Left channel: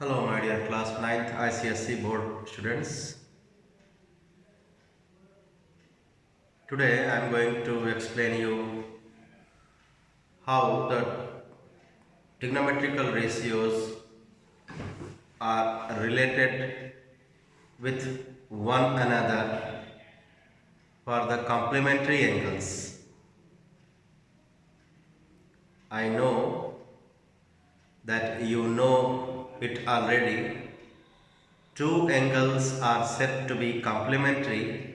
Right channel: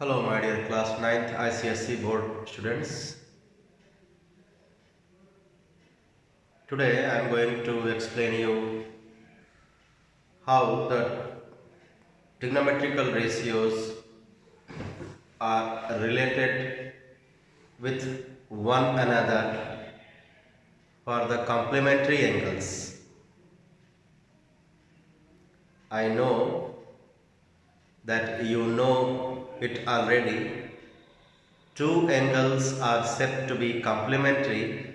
Hello, my dear class 9th ICSE board students. Today I am going to explain you how the trigonometrical ratios are related with one another for the complementary angles. I know that you know it already. Two angles are said to be complementary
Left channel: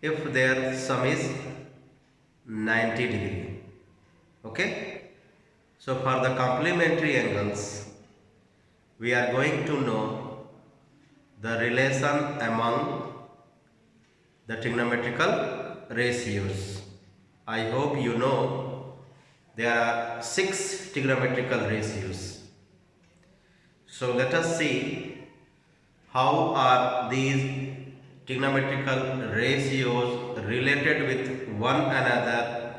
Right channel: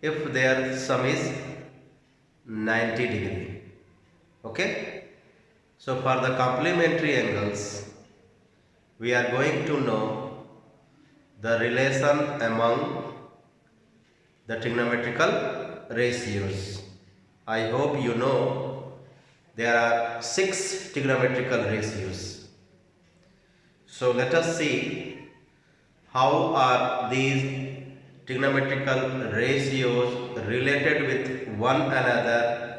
if their sum is 90 degree. Okay? So for the complementary angles, we are going to know the relation among the trigonometrical ratios. I hope you know there are 6 trigonometrical ratios. So let us see how are these trigonometrical ratios related with one another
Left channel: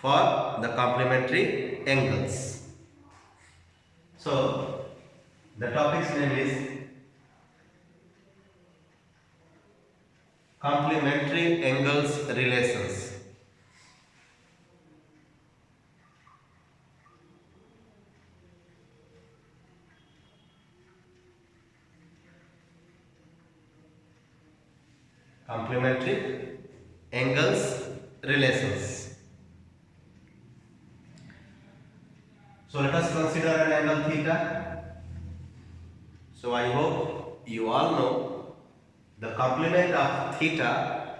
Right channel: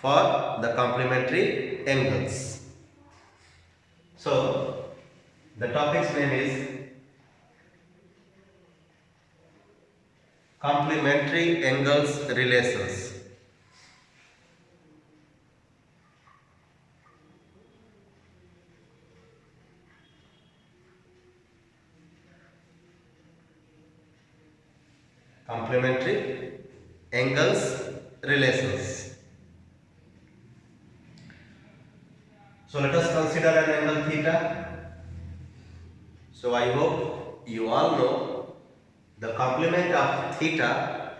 for the complementary angles. So the topic's name is complementary angles relations. Complementary angles relations. So let us consider an angle theta. So I hope you all know the complement of theta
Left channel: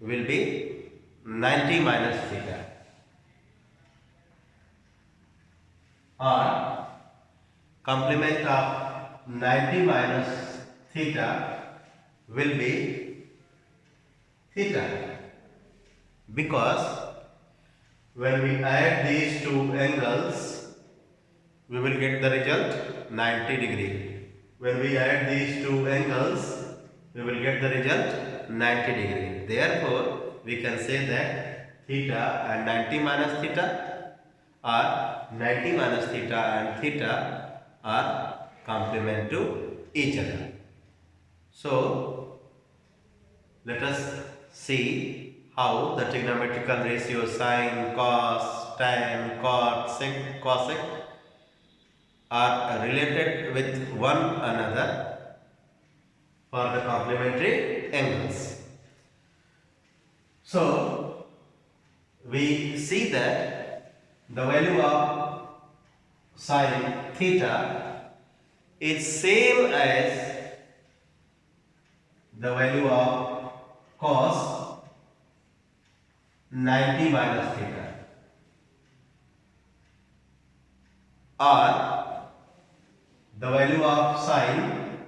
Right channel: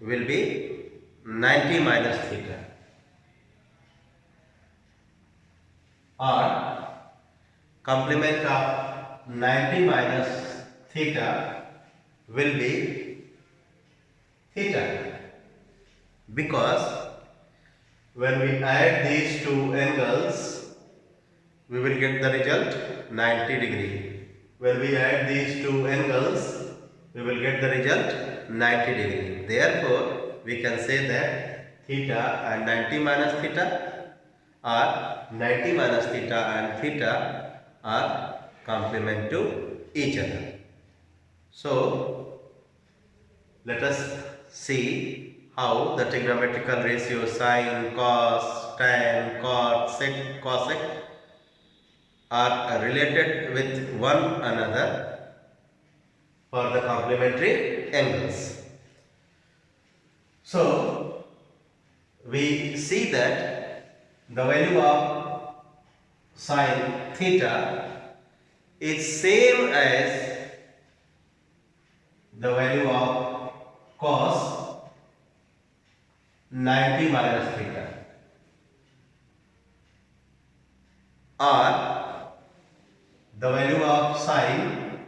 will be 90 minus theta, or complement of 90 minus theta will be theta, because when we add these two angles we will get the result 90 degree. When we add these two angles we will get the result 90 degree. Therefore we can say that theta and 90 minus theta, or 90 minus theta and theta are complement to each other. So let us see how the trigonometrical ratio sine, cos, tan, cot, sec, cosec are related with one another for the complementary angles. So we see that the value of sine theta is same as the value of cos 90 minus theta, or the value of sine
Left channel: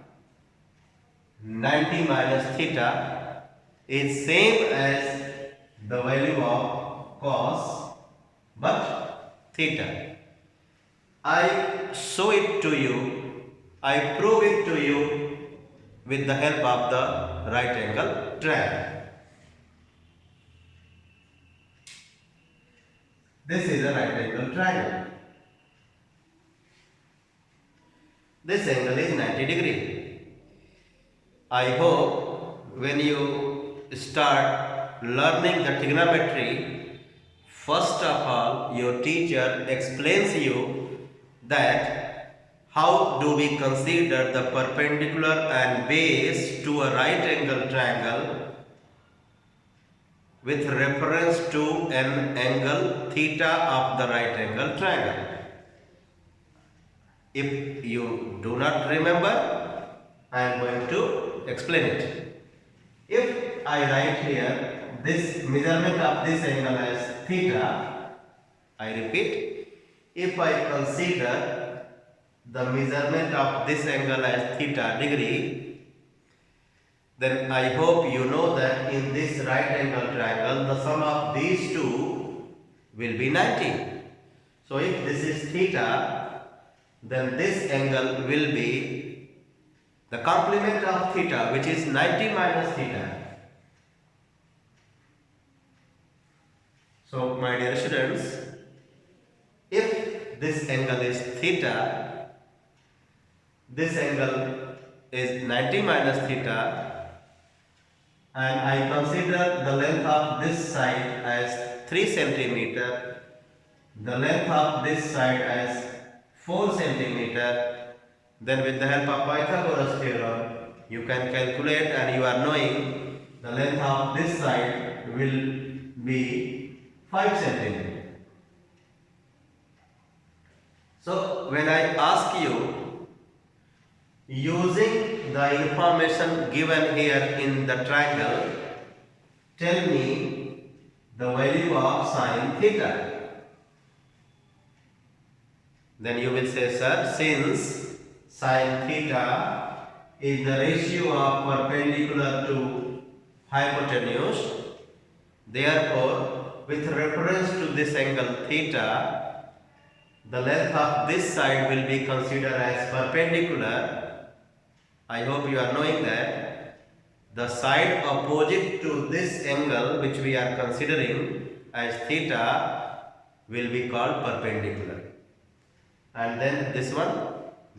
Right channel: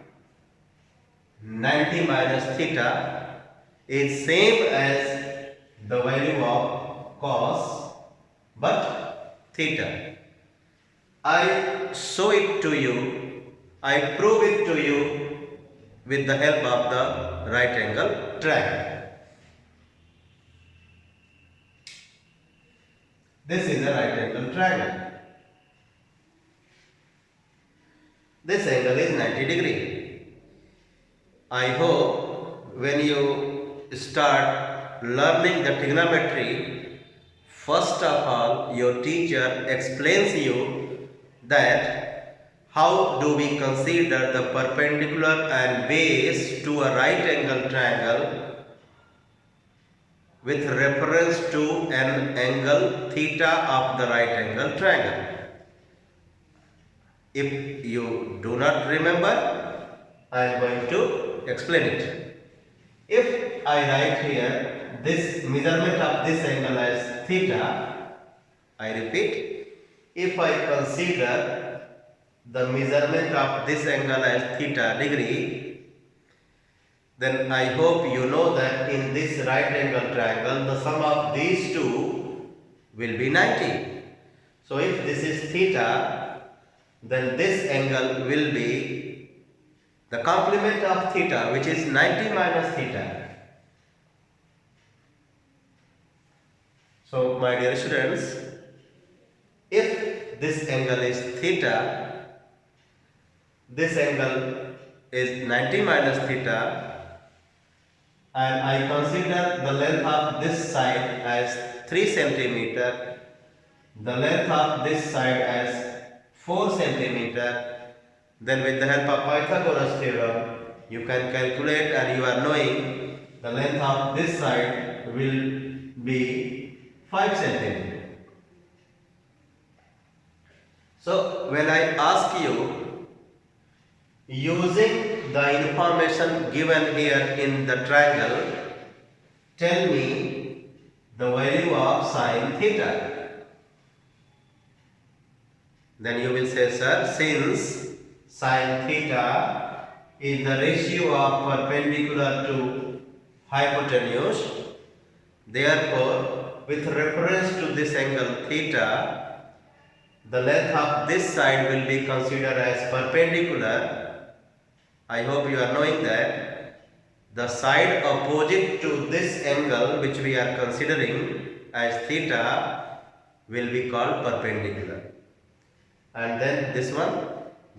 90 minus theta is same as the value of cos but theta. I show it to you, I prove it to you with the help of the right angle triangle. This is a right angle triangle. This angle is 90 degree. I hope when you start learning the trigonometry, first of all your teacher explains you that how do we consider the perpendicular and base to a right angle triangle with reference to an angle theta of the right angle triangle. If you do not remember, I am going to explain it. If I write here this measurement of this angle as theta, I repeat, if I consider the measurement of this angle as theta degree, then I hope you know that in this right angle triangle the sum of these two will be 90. So if this is theta, then this angle will be the complement of theta, which is 90 minus theta. So my dear students, if this angle is theta, this angle is 90 minus theta, and I consider the length of this side as 3 centimeter, the length of this side as 4 centimeter, then with the help of Pythagoras theorem, you can calculate, and you are knowing the length of this side will be 5 centimeter. So when I ask you, using the information given here in the triangle, tell me the value of sine theta. Then you will say, sir, since sine theta is the ratio of perpendicular to hypotenuse, therefore with reference to this angle theta, the length of this side will be considered as perpendicular. I hope you are knowing that the side opposite to this angle which we are considering as theta will be called perpendicular. And then this one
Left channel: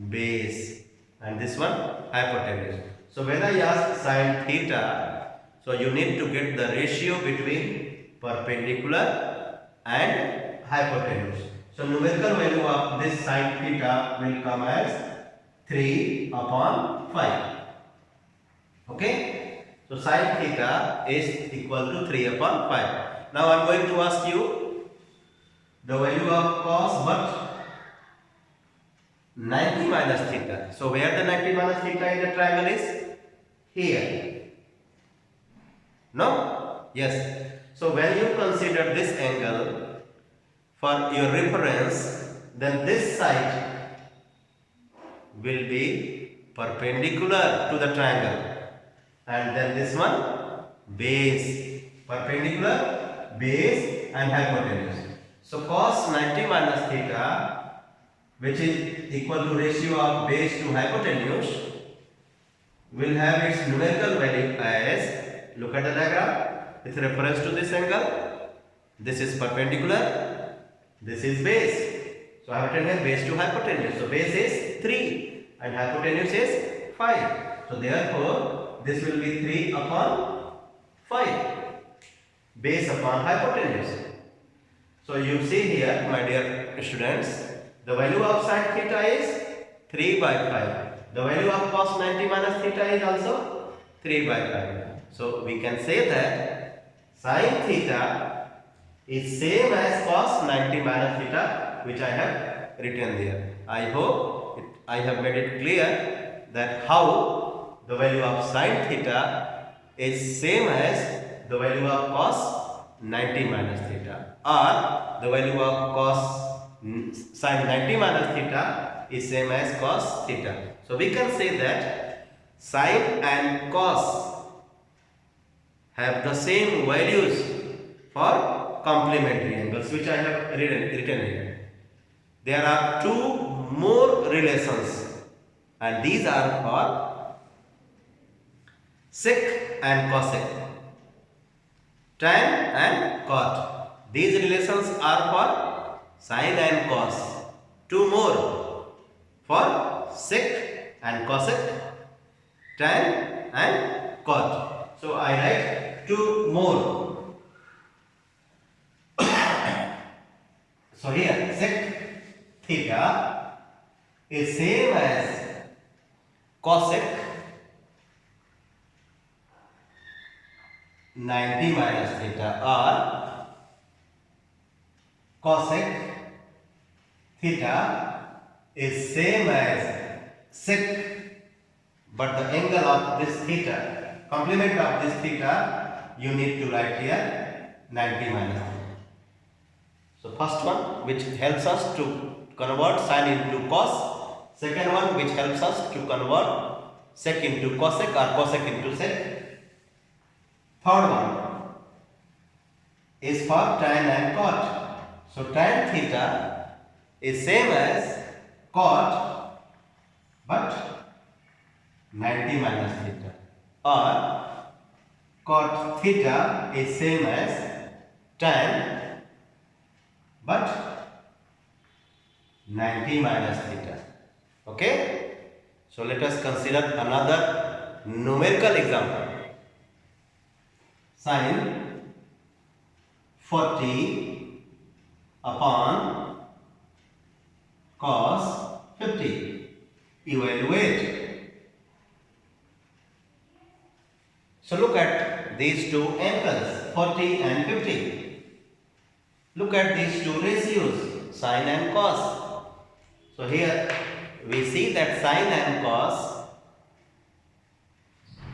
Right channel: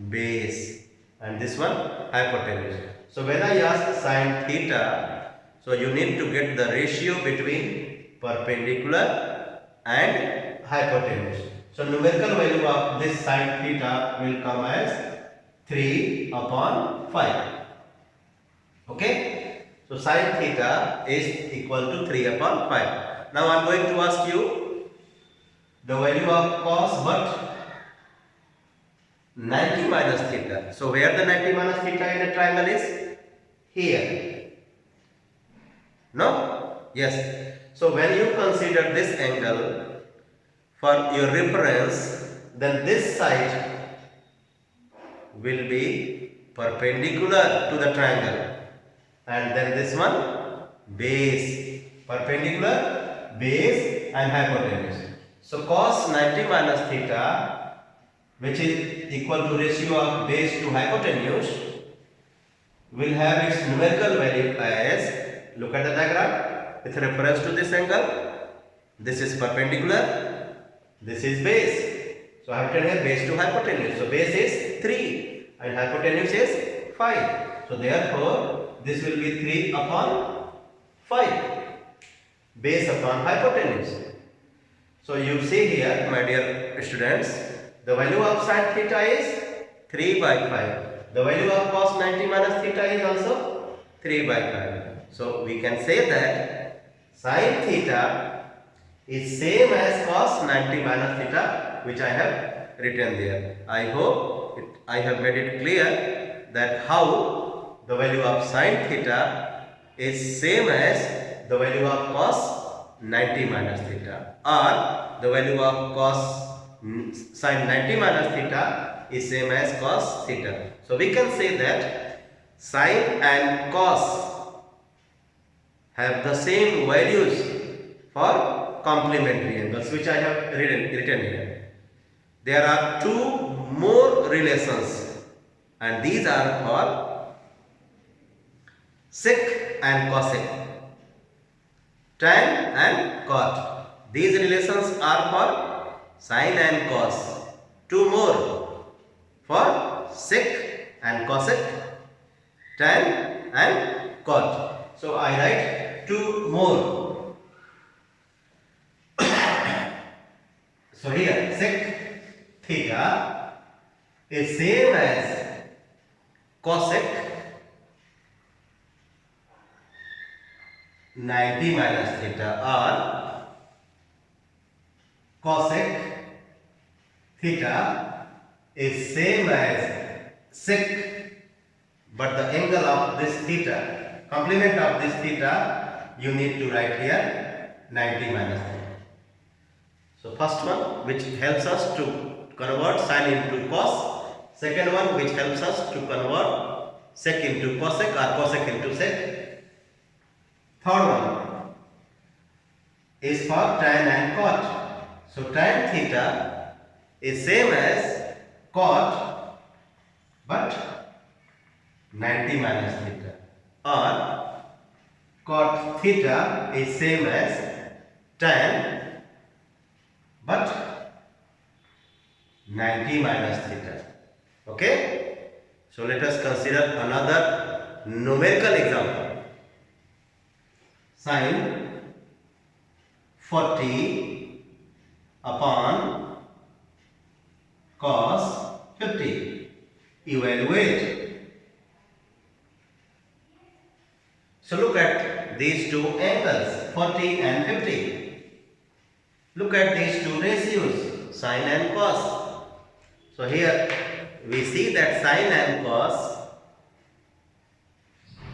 base, and this one hypotenuse. So when I ask sine theta, so you need to get the ratio between perpendicular and hypotenuse. So numerical value of this sine theta will come as 3 upon 5. Okay. So sine theta is equal to 3 upon 5. Now I am going to ask you the value of cos but 90 minus theta. So where the 90 minus theta in the triangle is? Here. No? Yes. So when you consider this angle for your reference, then this side will be perpendicular to the triangle, and then this one base, perpendicular, base and hypotenuse. So cos 90 minus theta, which is equal to ratio of base to hypotenuse, will have its numerical value as, look at the diagram, with reference to this angle, this is perpendicular, this is base. So I have written here base to hypotenuse. So base is 3 and hypotenuse is 5. So therefore this will be 3 upon 5, base upon hypotenuse. So you see here, my dear students, the value of sine theta is 3 by 5. The value of cos 90 minus theta is also 3 by 5. So we can say that sine theta is same as cos 90 minus theta, which I have written there. I hope I have made it clear that how the value of sine theta is same as the value of cos 90 minus theta, or the value of cos sine 90 minus theta is same as cos theta. So we can say that sine and cos have the same values for complementary angles, which I have written here. There are two more relations, and these are for sec and cosec, tan and cot. These relations are for sine and cos. Two more for sec and cosec, tan and cot. So I write two more. So here sec theta is same as cosec 90 minus theta, or cosec theta is same as sec, but the angle of this theta, complement of this theta, you need to write here 90 minus theta. So first one which helps us to convert sine into cos, second one which helps us to convert sec into cosec or cosec into sec, third one is for tan and cot. So tan theta is same as cot but 90 minus theta, or cot theta is same as tan but 90 minus theta. Okay. So let us consider another numerical example. Sin 40 upon cos 50. Evaluate. So look at these two angles, 40 and 50. Look at these two ratios, sin and cos. So here we see that sin and cos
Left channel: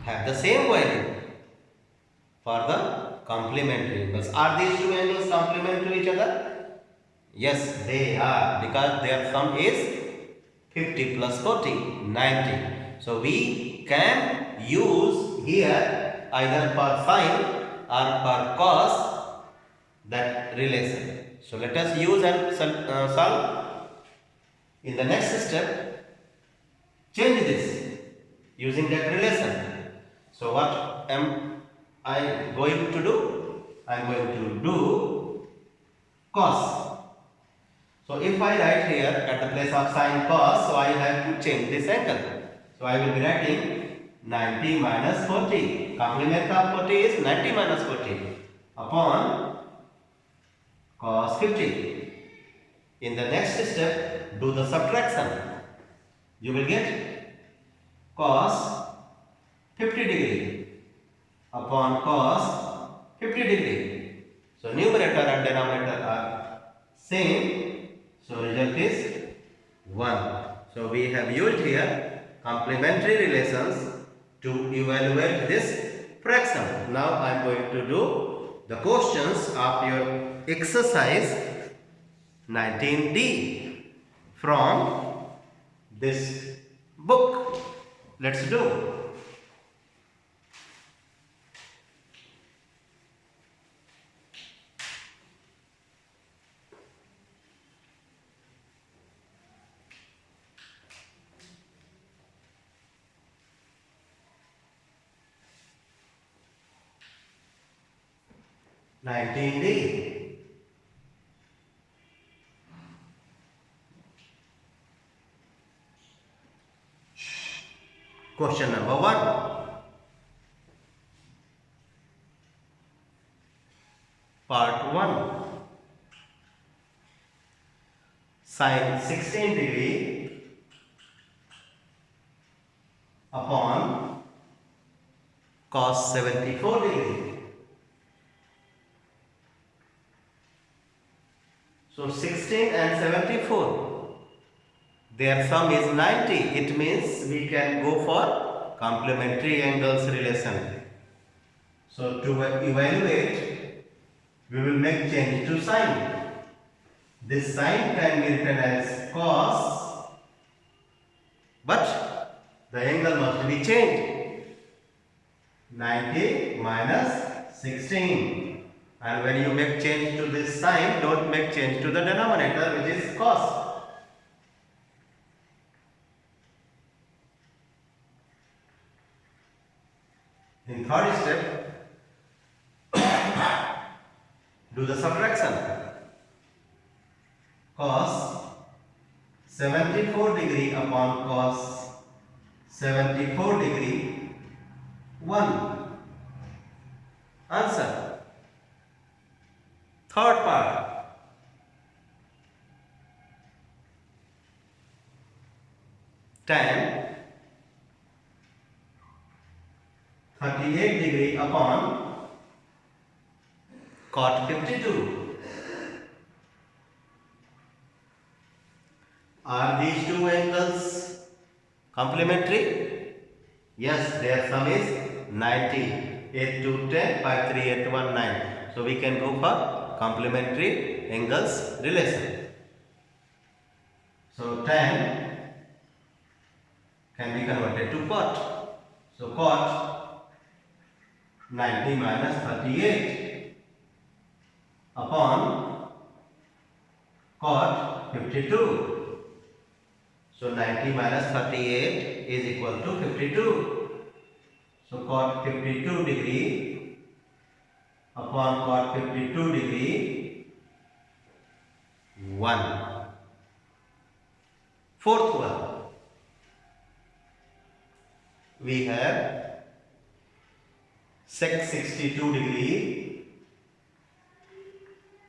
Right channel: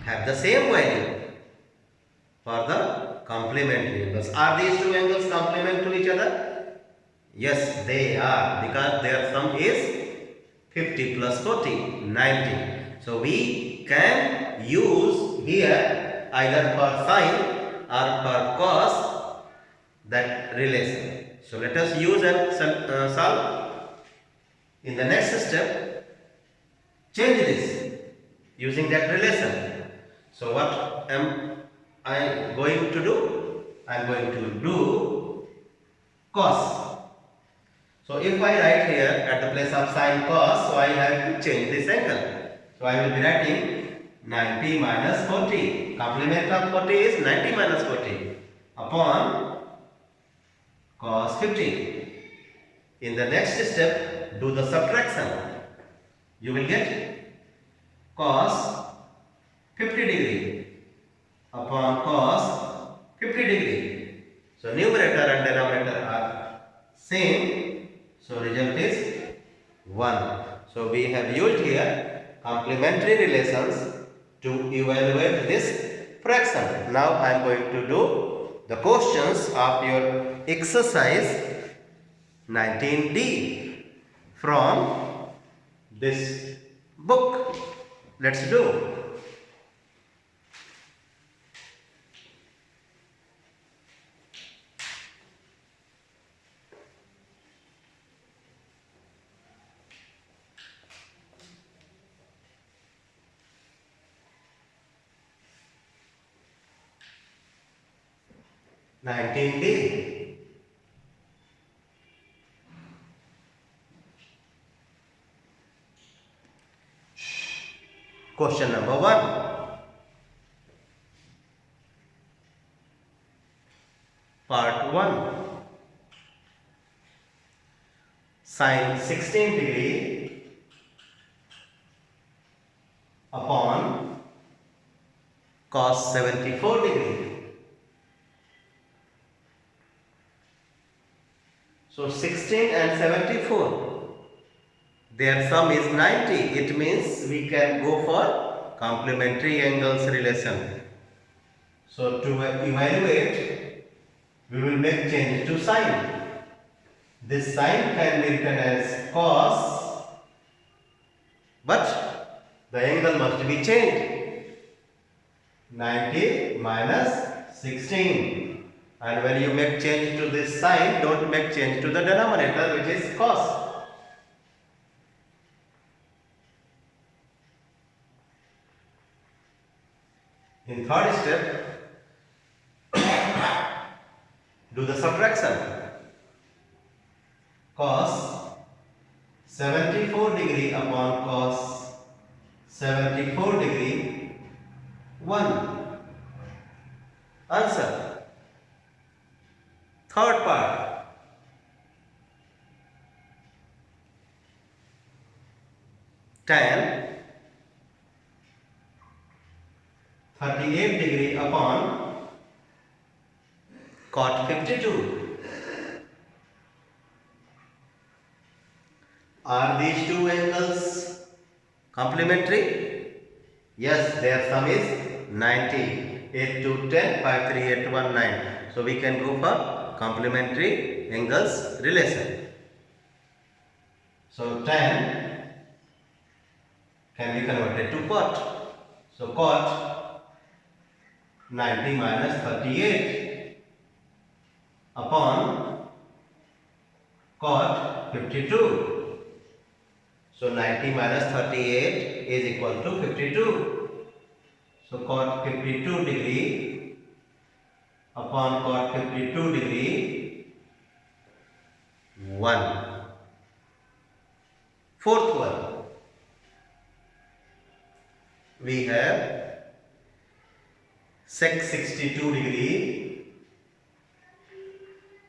have the same value for the complementary angles. Are these two angles complement to each other? Yes, they are, because their sum is 50 plus 40, 90. So we can use here either for sin or for cos that relation. So let us use and solve. In the next step, change this using that relation. So what am I going to do? I am going to do cos. So if I write here at the place of sin cos, so I have to change this angle. So I will be writing 90 minus 40. Complement of 40 is 90 minus 40 upon cos 50. In the next step, do the subtraction. You will get cos 50 degree upon cos 50 degree. So numerator and denominator are same. So result is 1. So we have used here complementary relations to evaluate this fraction. Now I am going to do the questions of your exercise 19D from this book. Let's do. D. Question number 1. Part 1. Sin 16 degree upon cos 74 degree. So 16 and 74, their sum is 90. It means we can go for complementary angles relation. So to evaluate, we will make change to sign. This sign can be written as cos, but the angle must be changed. 90 minus 16. And when you make change to this sign, don't make change to the denominator, which is cos. In third step, do the subtraction. Cos 74 degree upon cos 74 degree, 1. Answer. Third part. Tan 38 degree upon cot 52. Are these two angles complementary? Yes, their sum is 90. 8 to 10, 5, 3, 8, 1, 9. So we can go for complementary angles relation. So tan can be converted to cot. So cot 90 minus 38 upon cot 52. So 90 minus 38 is equal to 52. So cot 52 degree upon cot 52 degree, 1. Fourth one. we have sec 62 degree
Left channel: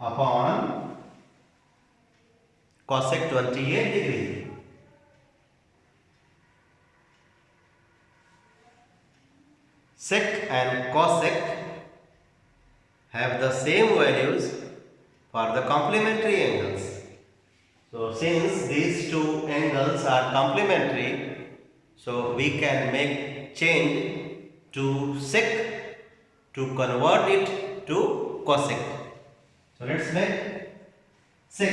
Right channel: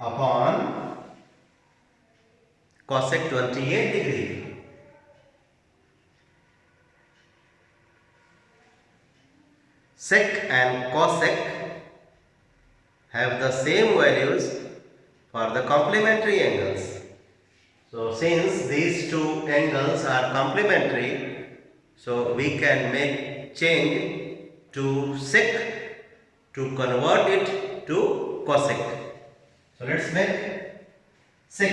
upon cosec 28 degree. Sec and cosec have the same values for the complementary angles. So since these two angles are complementary, so we can make change to sec to convert it to cosec. So let's make sec.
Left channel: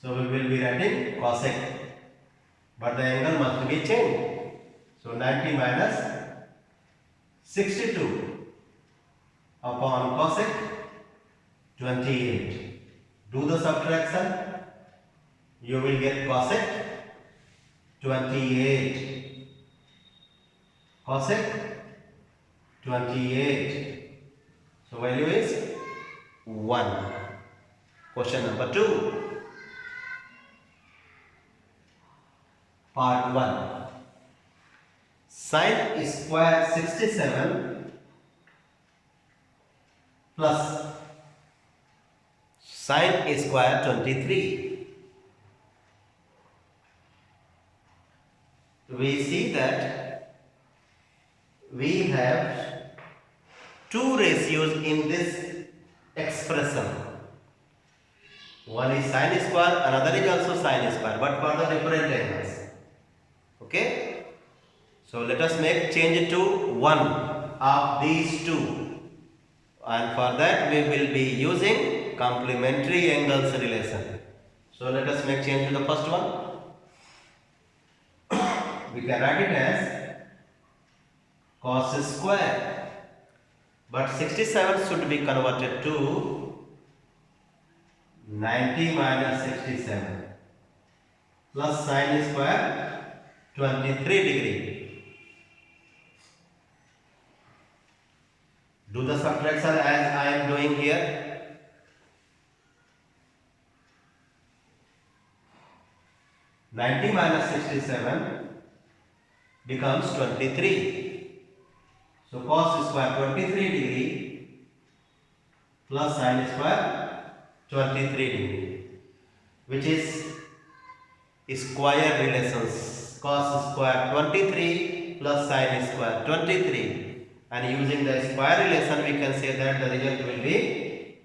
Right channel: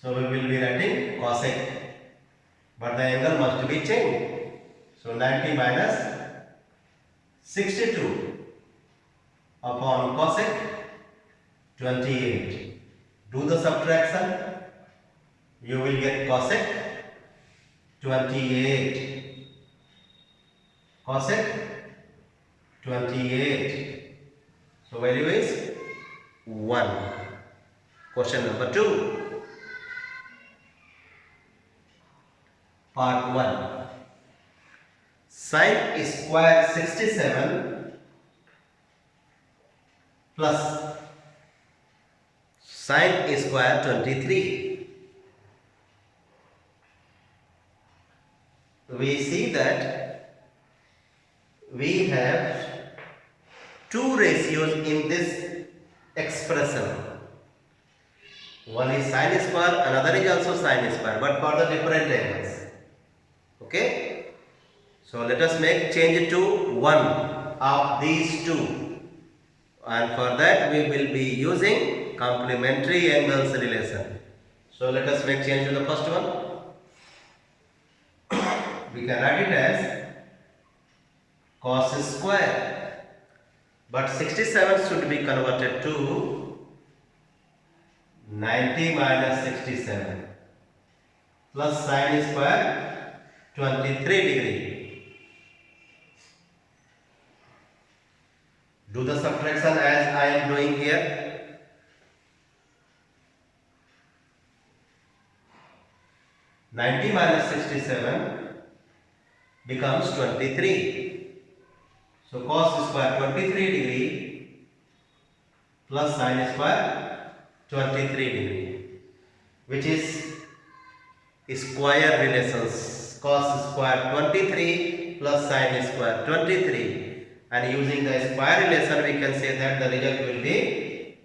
So we will be writing cosec, but the angle must be changed. So 90 minus 62 upon cosec 28. Do the subtraction. You will get cosec 28. Cosec 28. So value is 1. Question number 2. Part 1. Sin square 67 plus sin square 23. We see that we have two ratios in this expression. One is sin square, another is also sin square, but for the different angles. Okay? So let us make change to one of these two, and for that we will be using complementary angles relation. So let us make change to the first one. We can write it as cos square, but 67 should be converted to 90 minus 67 plus sin square 23 degree. Do the subtraction as I am doing here. (90 minus 67) becomes 23. So cos square 23 degree plus sin square 23 degree, which is square relations. Cos square 23 plus sin square 23. And using the square relation, we can say that the result will be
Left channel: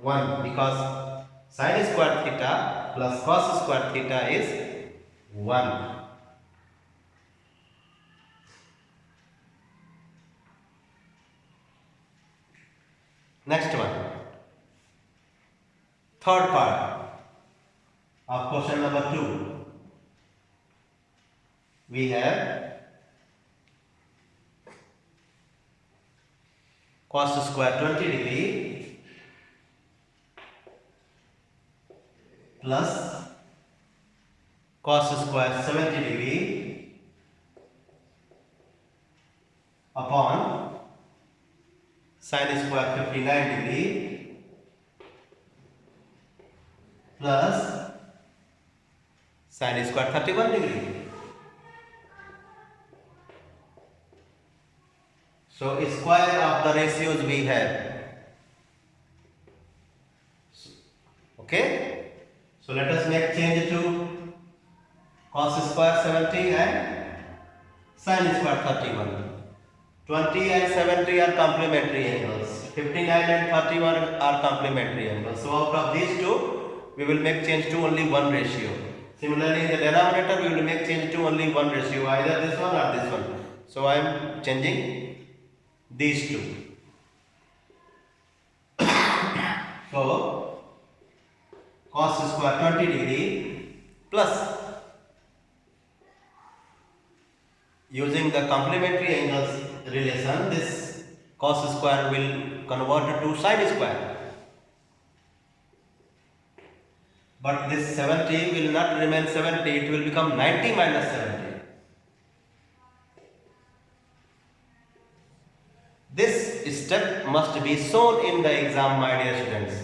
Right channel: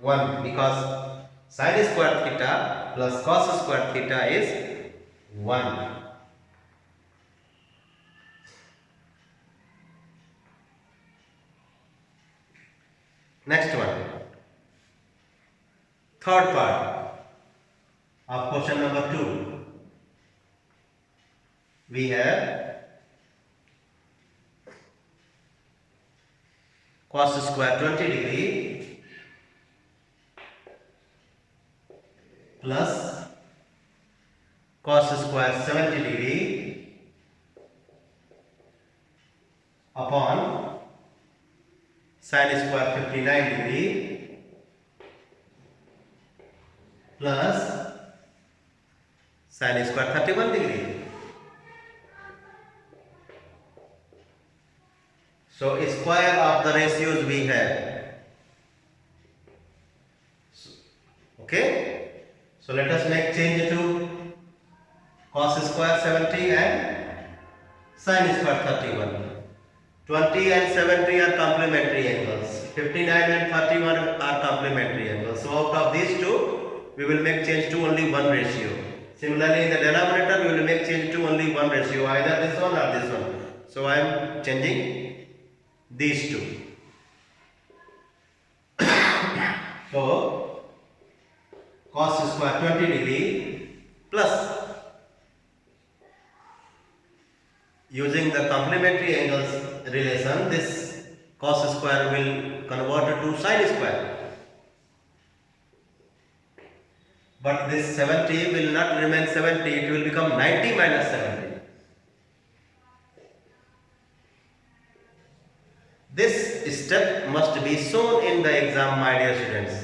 1, because sin square theta plus cos square theta is 1. Next one, third part of question number 2. We have cos square 20 degree plus cos square 70 degree upon sin square 59 degree plus sin square 31 degree. So square of the ratios we have. Okay. So let us make change to cos square 70 and sin square 31. 20 and 70 are complementary angles. 59 and 31 are complementary angles. So out of these two, we will make change to only one ratio. Similarly, in the denominator, we will make change to only one ratio, either this one or this one. So I am changing these two. So cos square 20 degree plus, using the complementary angles relation, this cos square will convert to sin square. But this 70 will not remain 70, it will become 90 minus 70. This step must be shown in the exam, my dear students.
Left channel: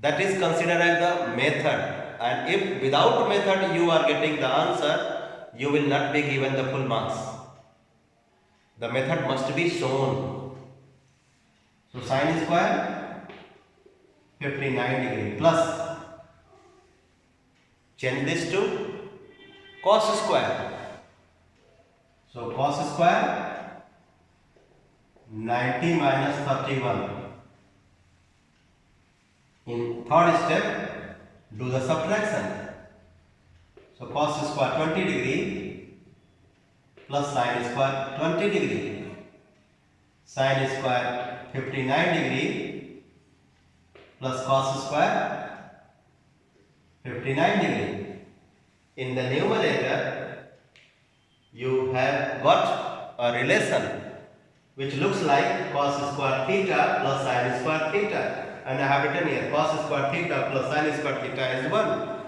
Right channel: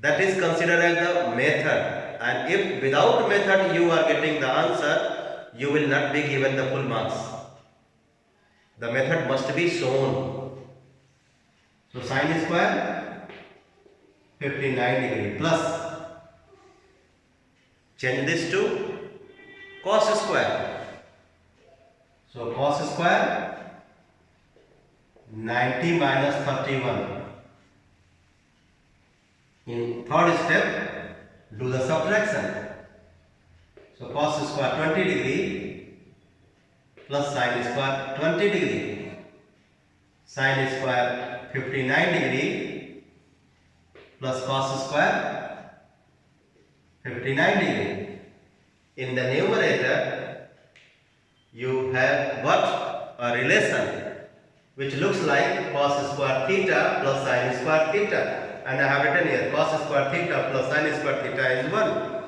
That is considered as the method, and if without method you are getting the answer, you will not be given the full marks. The method must be shown. So sine square 59 degree plus, change this to cos square. So cos square 90 minus 31. In third step, do the subtraction. So cos square 20 degree plus sine square 20 degree. Sine square 59 degree plus cos square 59 degree. In the numerator, you have got a relation which looks like cos square theta plus sine square theta. And I have written here cos square theta plus sine square theta is 1.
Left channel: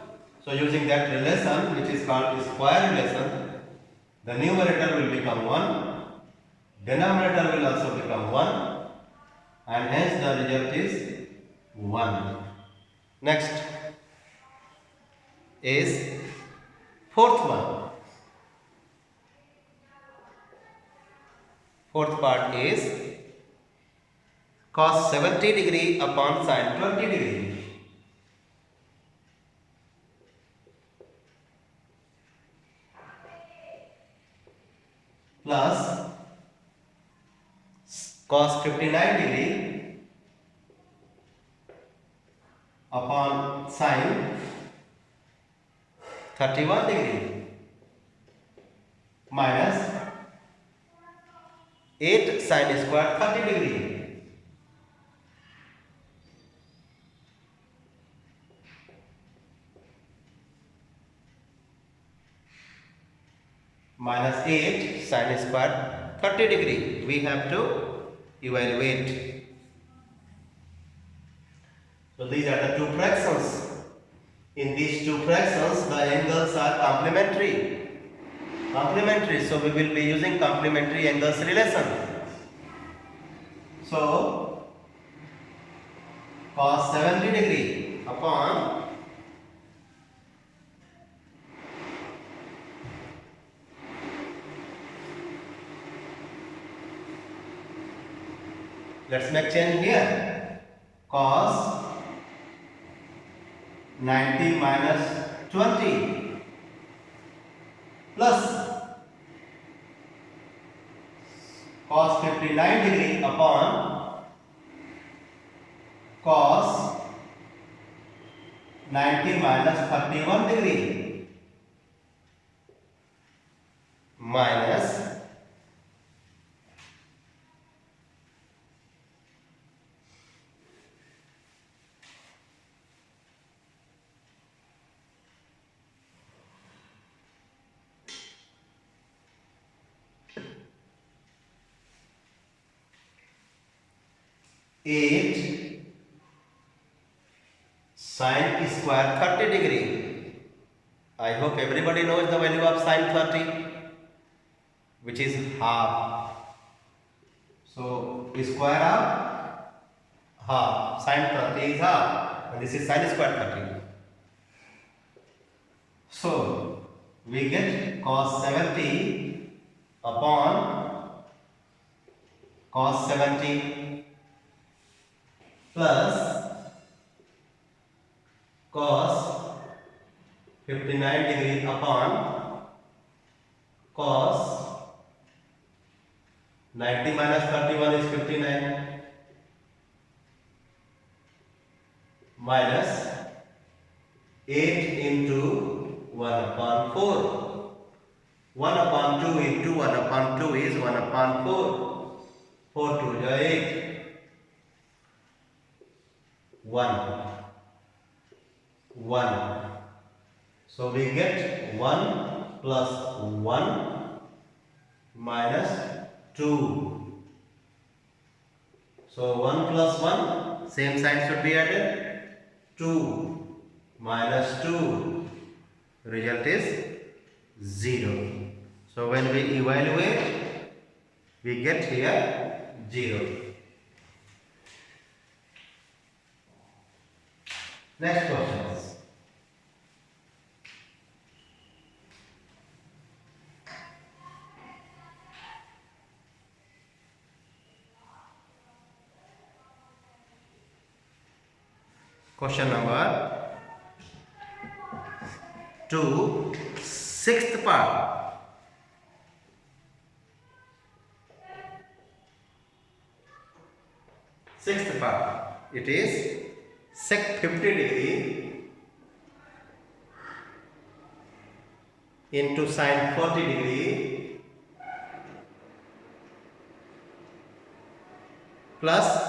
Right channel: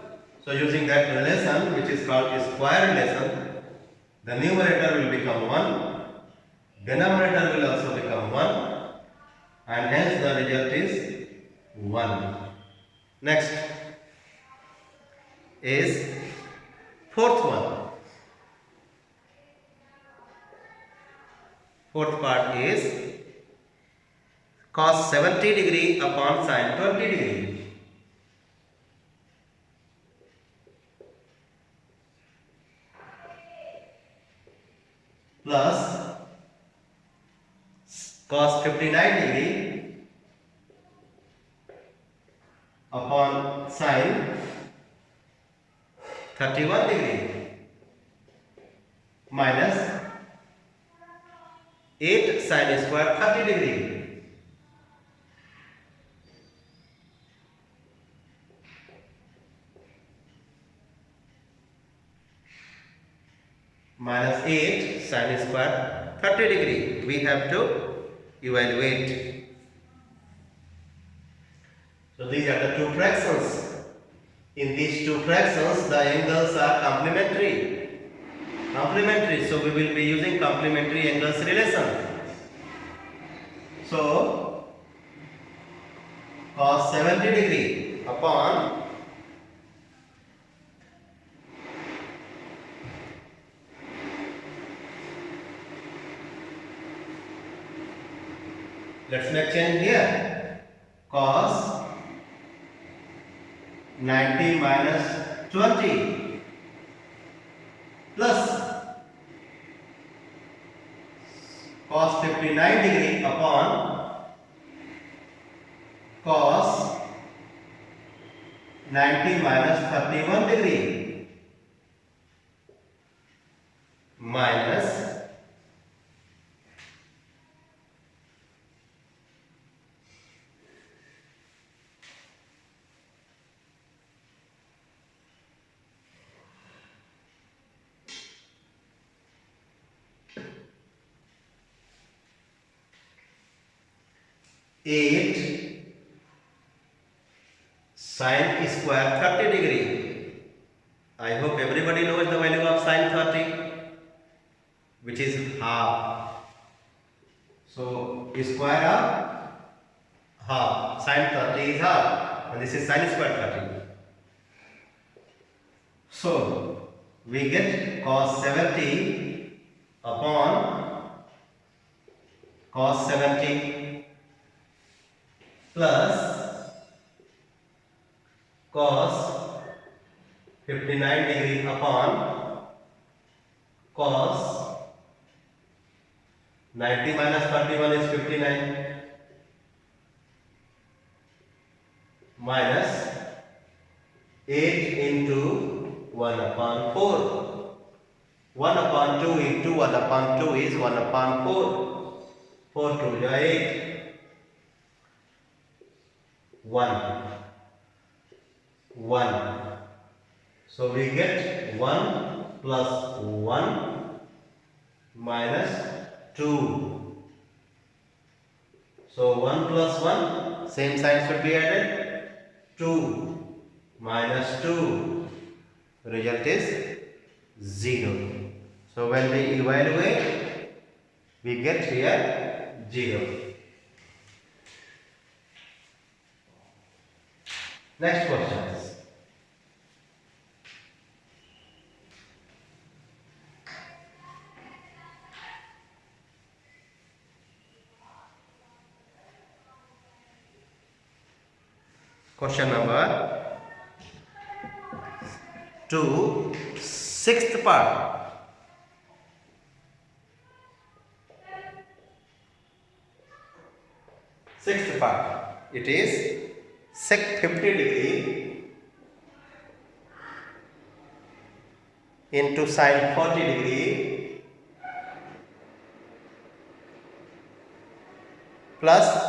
So using that relation, which is called square relation, the numerator will become 1, denominator will also become 1, and hence the result is 1. Next is fourth one. Fourth part is cos 70 degree upon sine 20 degree. Plus cos 59 degree upon sine 31 degree minus 8 sine square 30 degree. Minus 8 sine square 30 degree. We have to evaluate. So these are the two fractions. In these two fractions, the angles are complementary. Complementary. So we will be using complementary angles relation. So cos 70 degree upon let's make change here. Cos 90 minus 20 plus cos 59 degree upon cos 90 minus 31 degree minus 8 sine square 30 degree. I hope everybody knows the value of sine 30, which is half. So square of half, sine 30 is half, and this is sine square 30. So we get cos 70 upon cos 70 plus cos 59 degree upon cos 90 minus 31 is 59 minus 8 into 1 upon 4. 1 upon 2 into 1 upon 2 is 1 upon 4. 4 2 is 8. 1. 1. So we get 1 plus 1 minus 2. So 1 plus 1, same sign should be added. 2 minus 2, result is 0. So when we evaluate, we get here 0. Next question is Question number 2, sixth part. Sixth part. It is sec 50 degree into sine 40 degree plus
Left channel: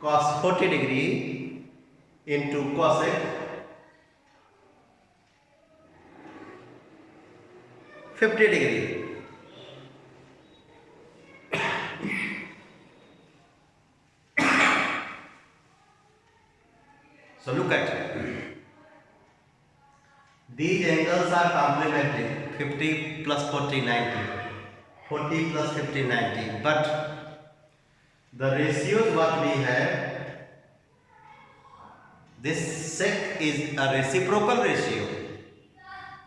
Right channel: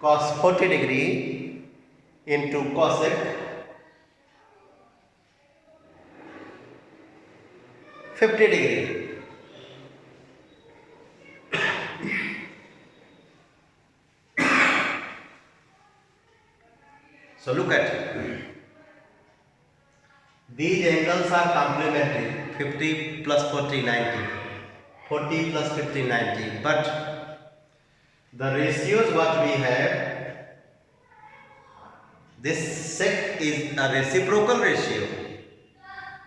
cos 40 degree into cosec 50 degree. So look at these angles are complementary, 50 plus 40 90, 40 plus 50 90, but the ratios what we have, this sec is a reciprocal ratio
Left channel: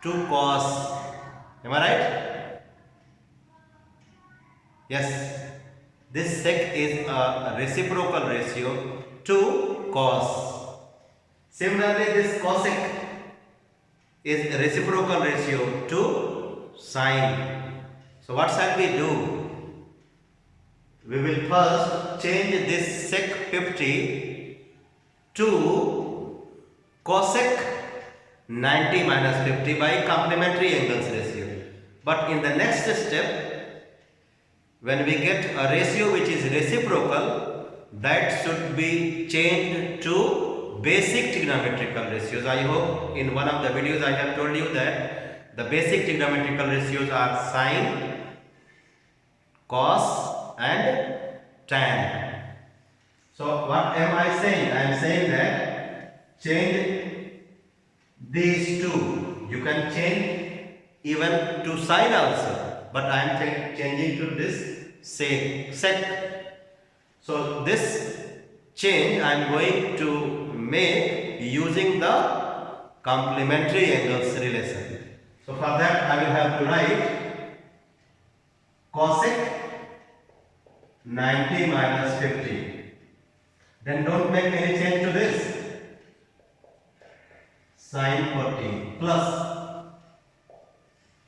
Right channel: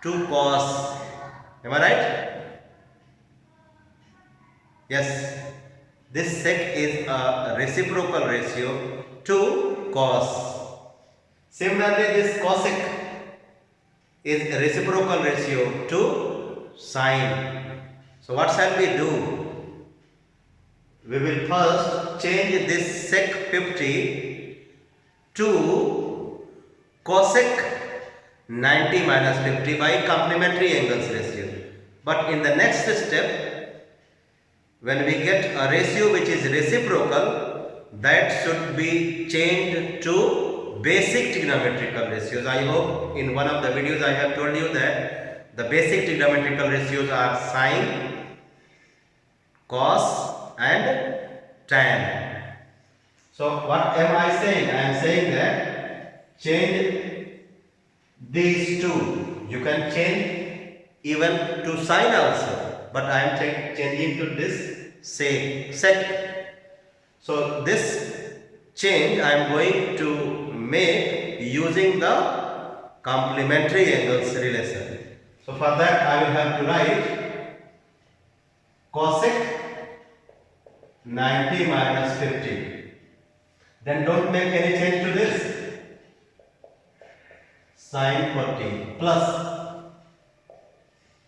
to cos, am I right? Yes, this sec is a reciprocal ratio to cos. Similarly, this cosec is a reciprocal ratio to sine. So what shall we do? We will first change this sec 50 to cosec 90 minus 50 by complementary angles ratio. But in the next step, when we get a ratio which is reciprocal, that should be changed to basic trigonometrical ratios. I hope in one of the videos I have told you that the basic trigonometrical ratios are sine, cos and tan. So what am I saying? I am saying that change these two. You can change even to sine also, but I am changing to this sec. So this change I am going to make using the complementary angles relation. So for that I will have to write cosec 90 minus 50. Then don't make any change to this. Sine 40 plus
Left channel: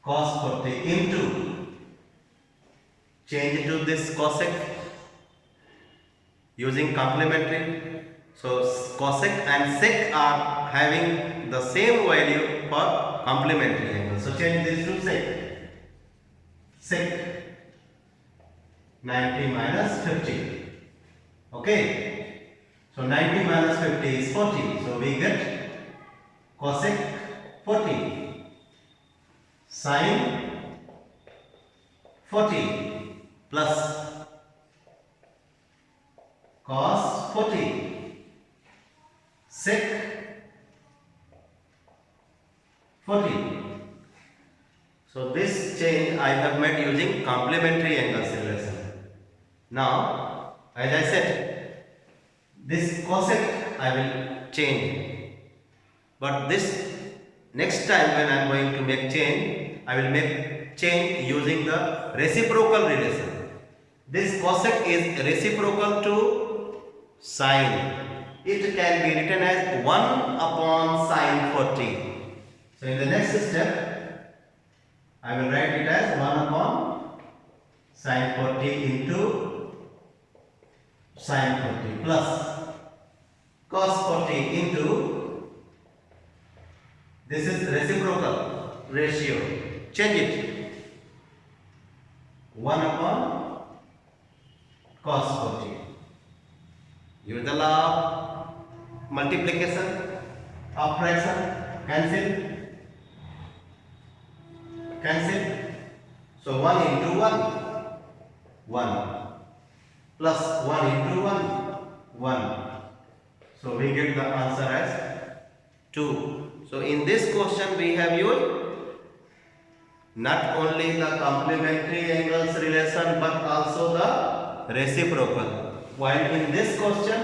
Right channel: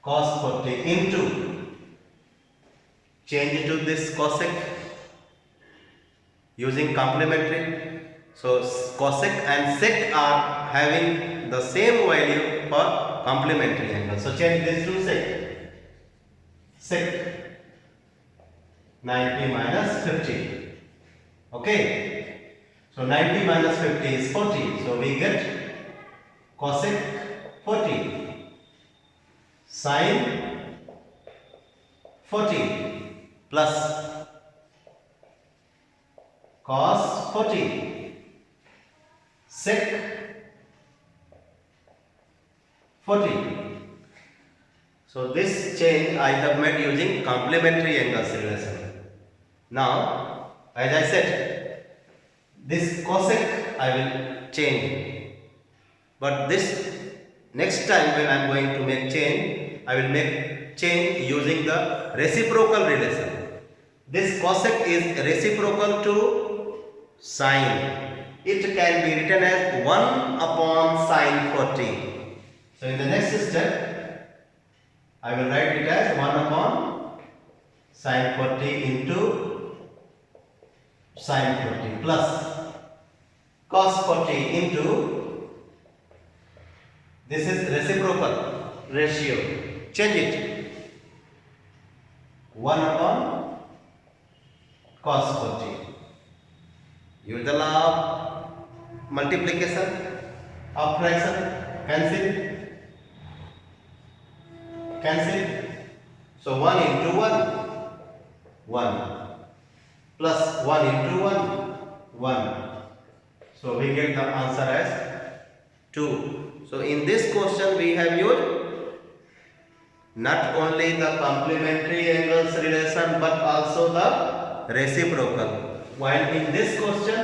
cos 40 into, change to this cosec using complementary. So cosec and sec are having the same value for complementary angle. So change this to sec 90 minus 50. Okay. So 90 minus 50 is 40. So we get cosec 40 sine 40 plus cos 40 sec 40. So this change I have made using complementary angles relation. Now, as I said, this cosec I will change, but this next time when I am going to make change, I will make change using the reciprocal relation. This cosec is reciprocal to sine. It can be written as 1 upon sine 40. So in the next step, I will write it as 1 upon sine 40 into sine 40 plus cos 40 into, this is reciprocal ratio, change it, 1 upon cos 40. Use the law of multiplication of fraction, cancel. So 1 into 1 plus 1 into 1. So we get the answer as 2. So in this question we have used not only the complementary angles relation but also the reciprocal. While in this question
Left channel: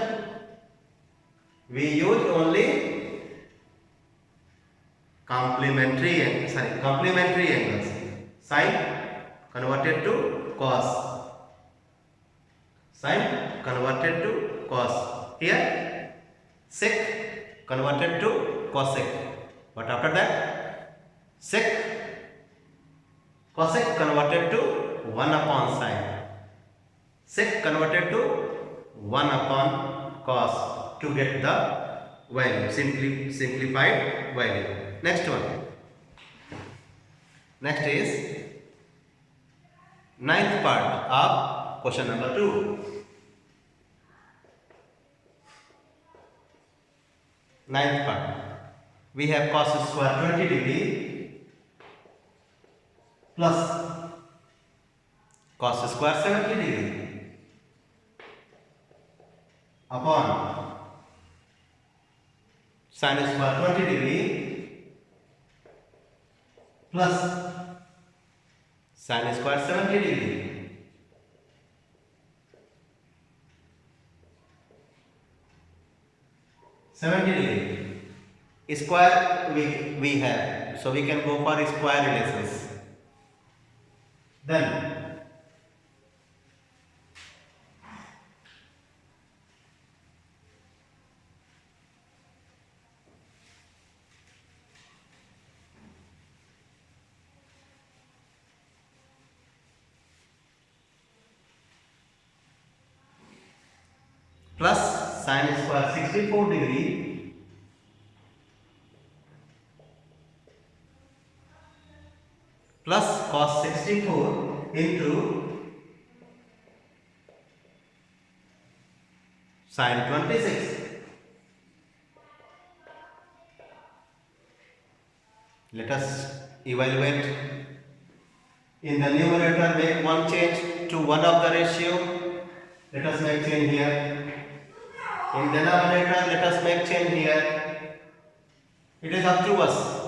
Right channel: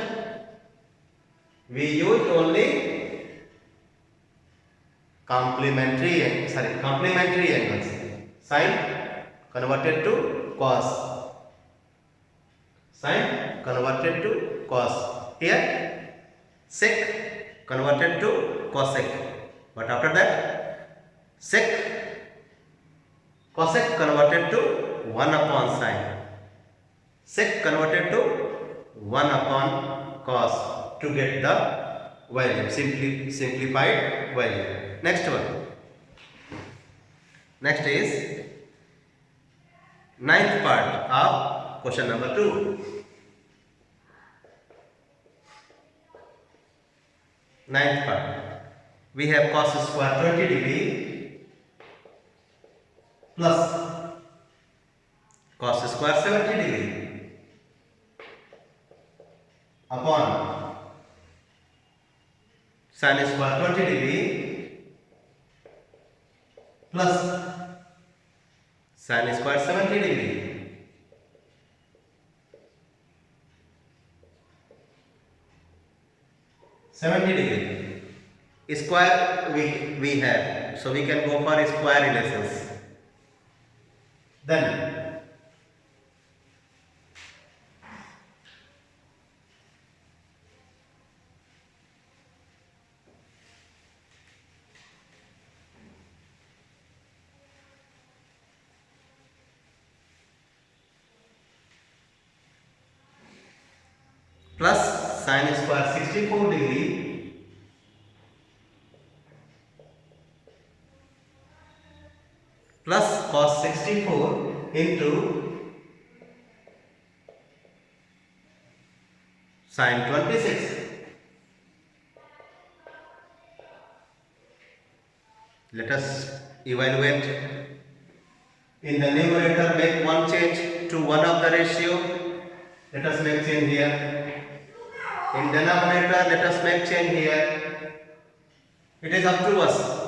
we used only complementary angles. Sine converted to cos. Sine converted to cos. Here sec converted to cosec. But after that sec cosec converted to 1 upon sine. Sec converted to 1 upon cos to get the value, simplified value. Next one. Next is ninth part of question number 2. Ninth part. We have cos square 20 degree plus cos square 70 degree upon sin square 20 degree plus sin square 70 degree. Square we have, so we can go for square relations. Then plus sin square 64 degree plus cos 64 into sin 26. Let us evaluate. In the numerator, make one change to one of the ratio. Let us make change here. In denominator, let us make change here. It is up to us.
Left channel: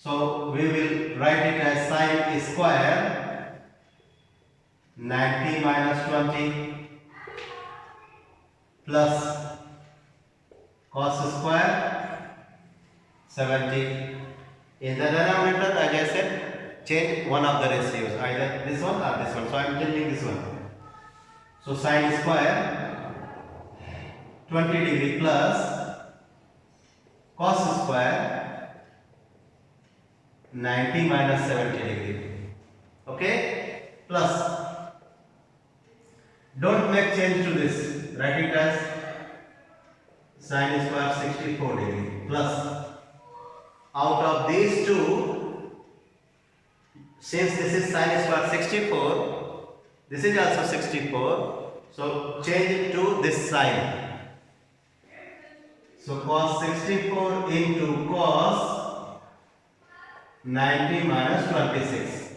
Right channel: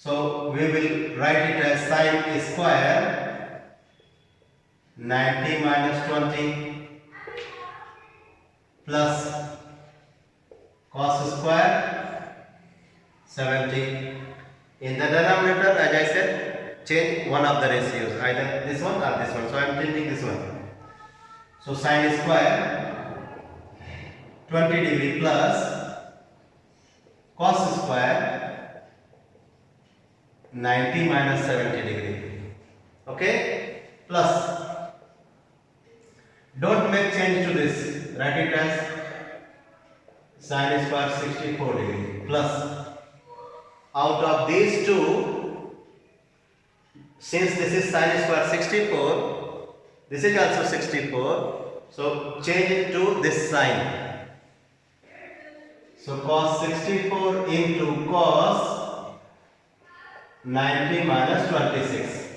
So we will write it as sin square 90 minus 20 plus cos square 70. In the denominator, as I said, change one of the ratios, either this one or this one. So I am changing this one. So sin square 20 degree plus cos square 90 minus 70 degree. Okay? Plus, don't make change to this. Write it as sin square 64 degree plus, out of these two, since this is sin square 64, this is also 64, so change it to this sign. So cos 64 into cos 90 minus 26.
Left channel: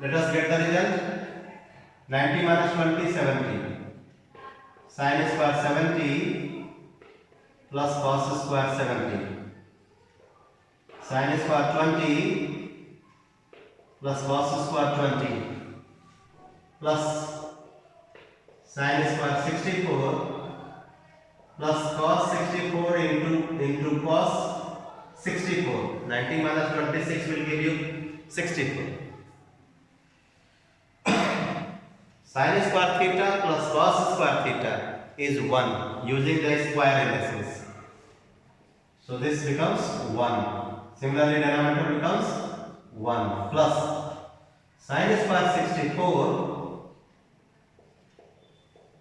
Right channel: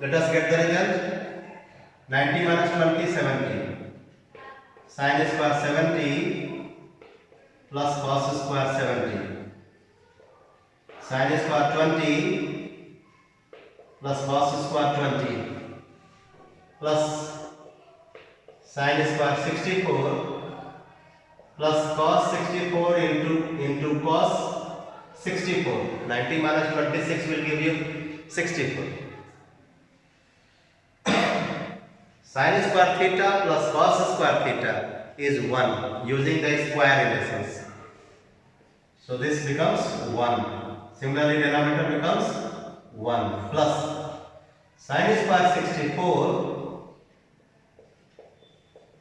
Let us get the result. 90 minus 20, 70. Sin square 70 plus cos square 70. Sin square 20 plus cos square 20 plus sin square 64 plus cos 64 into cos 64. 90 minus 26 will give you 64. Sin square theta plus cos square theta is 1 using the square relations. So this becomes 1. Similarly, denominator becomes 1 plus sin square 64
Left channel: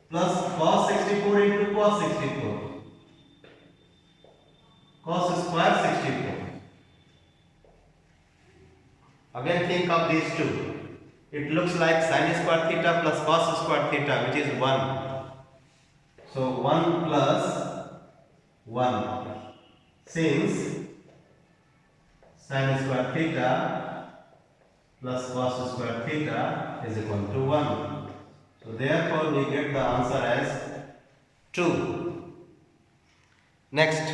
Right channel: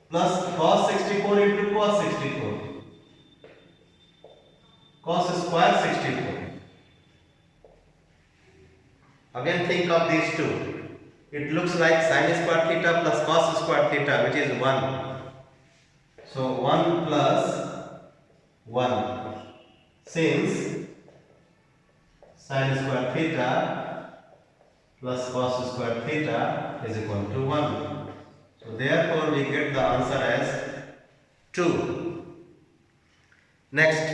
plus cos 64 into cos 64. Cos square 64. Again think of these two. It looks like sin square theta plus cos square theta, which is 1. So 1 plus 1. Since sin square theta plus cos square theta is equal to 1. So therefore we get the answer as 2. Next,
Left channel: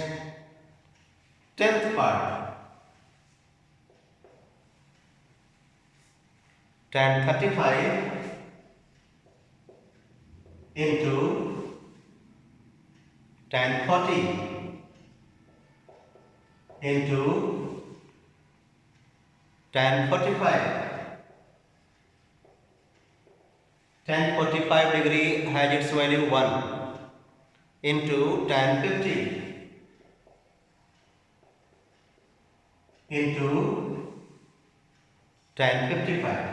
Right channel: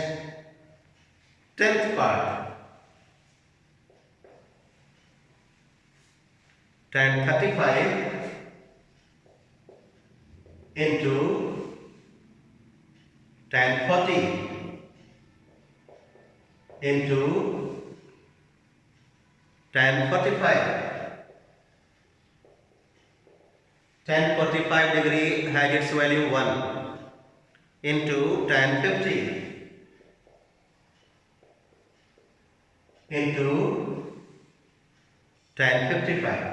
10th part. Tan 35 into tan 40 into tan 45 tan 45 degree has its value 1 into tan 50 into tan 55.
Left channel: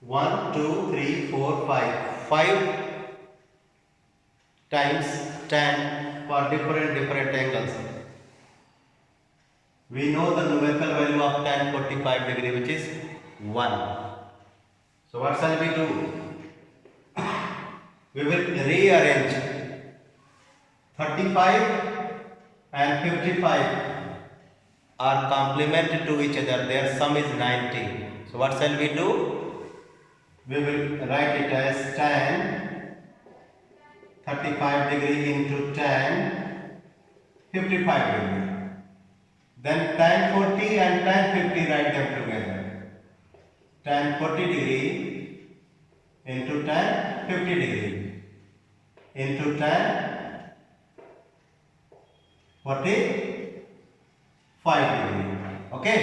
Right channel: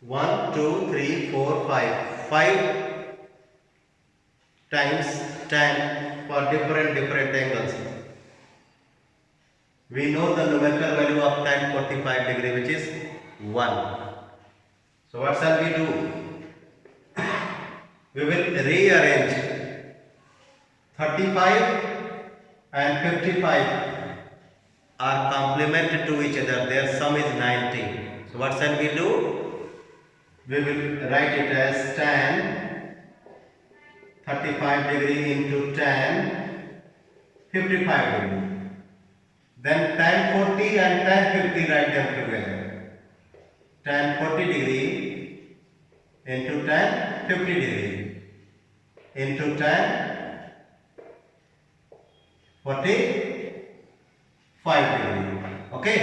1, 2, 3, 4, 5. 5 times tan for different angles. We know the numerical value of tan 45 degree, which is 1. So what shall we do? We will rearrange 35 and 55 are complement to each other. Their sum is 90. So what shall we do? We will write it as tan 35 degree into tan 55 degree. Then tan 40 and tan 50, write them together. Tan 40 degree into tan 50 degree into tan 45 degree. Okay.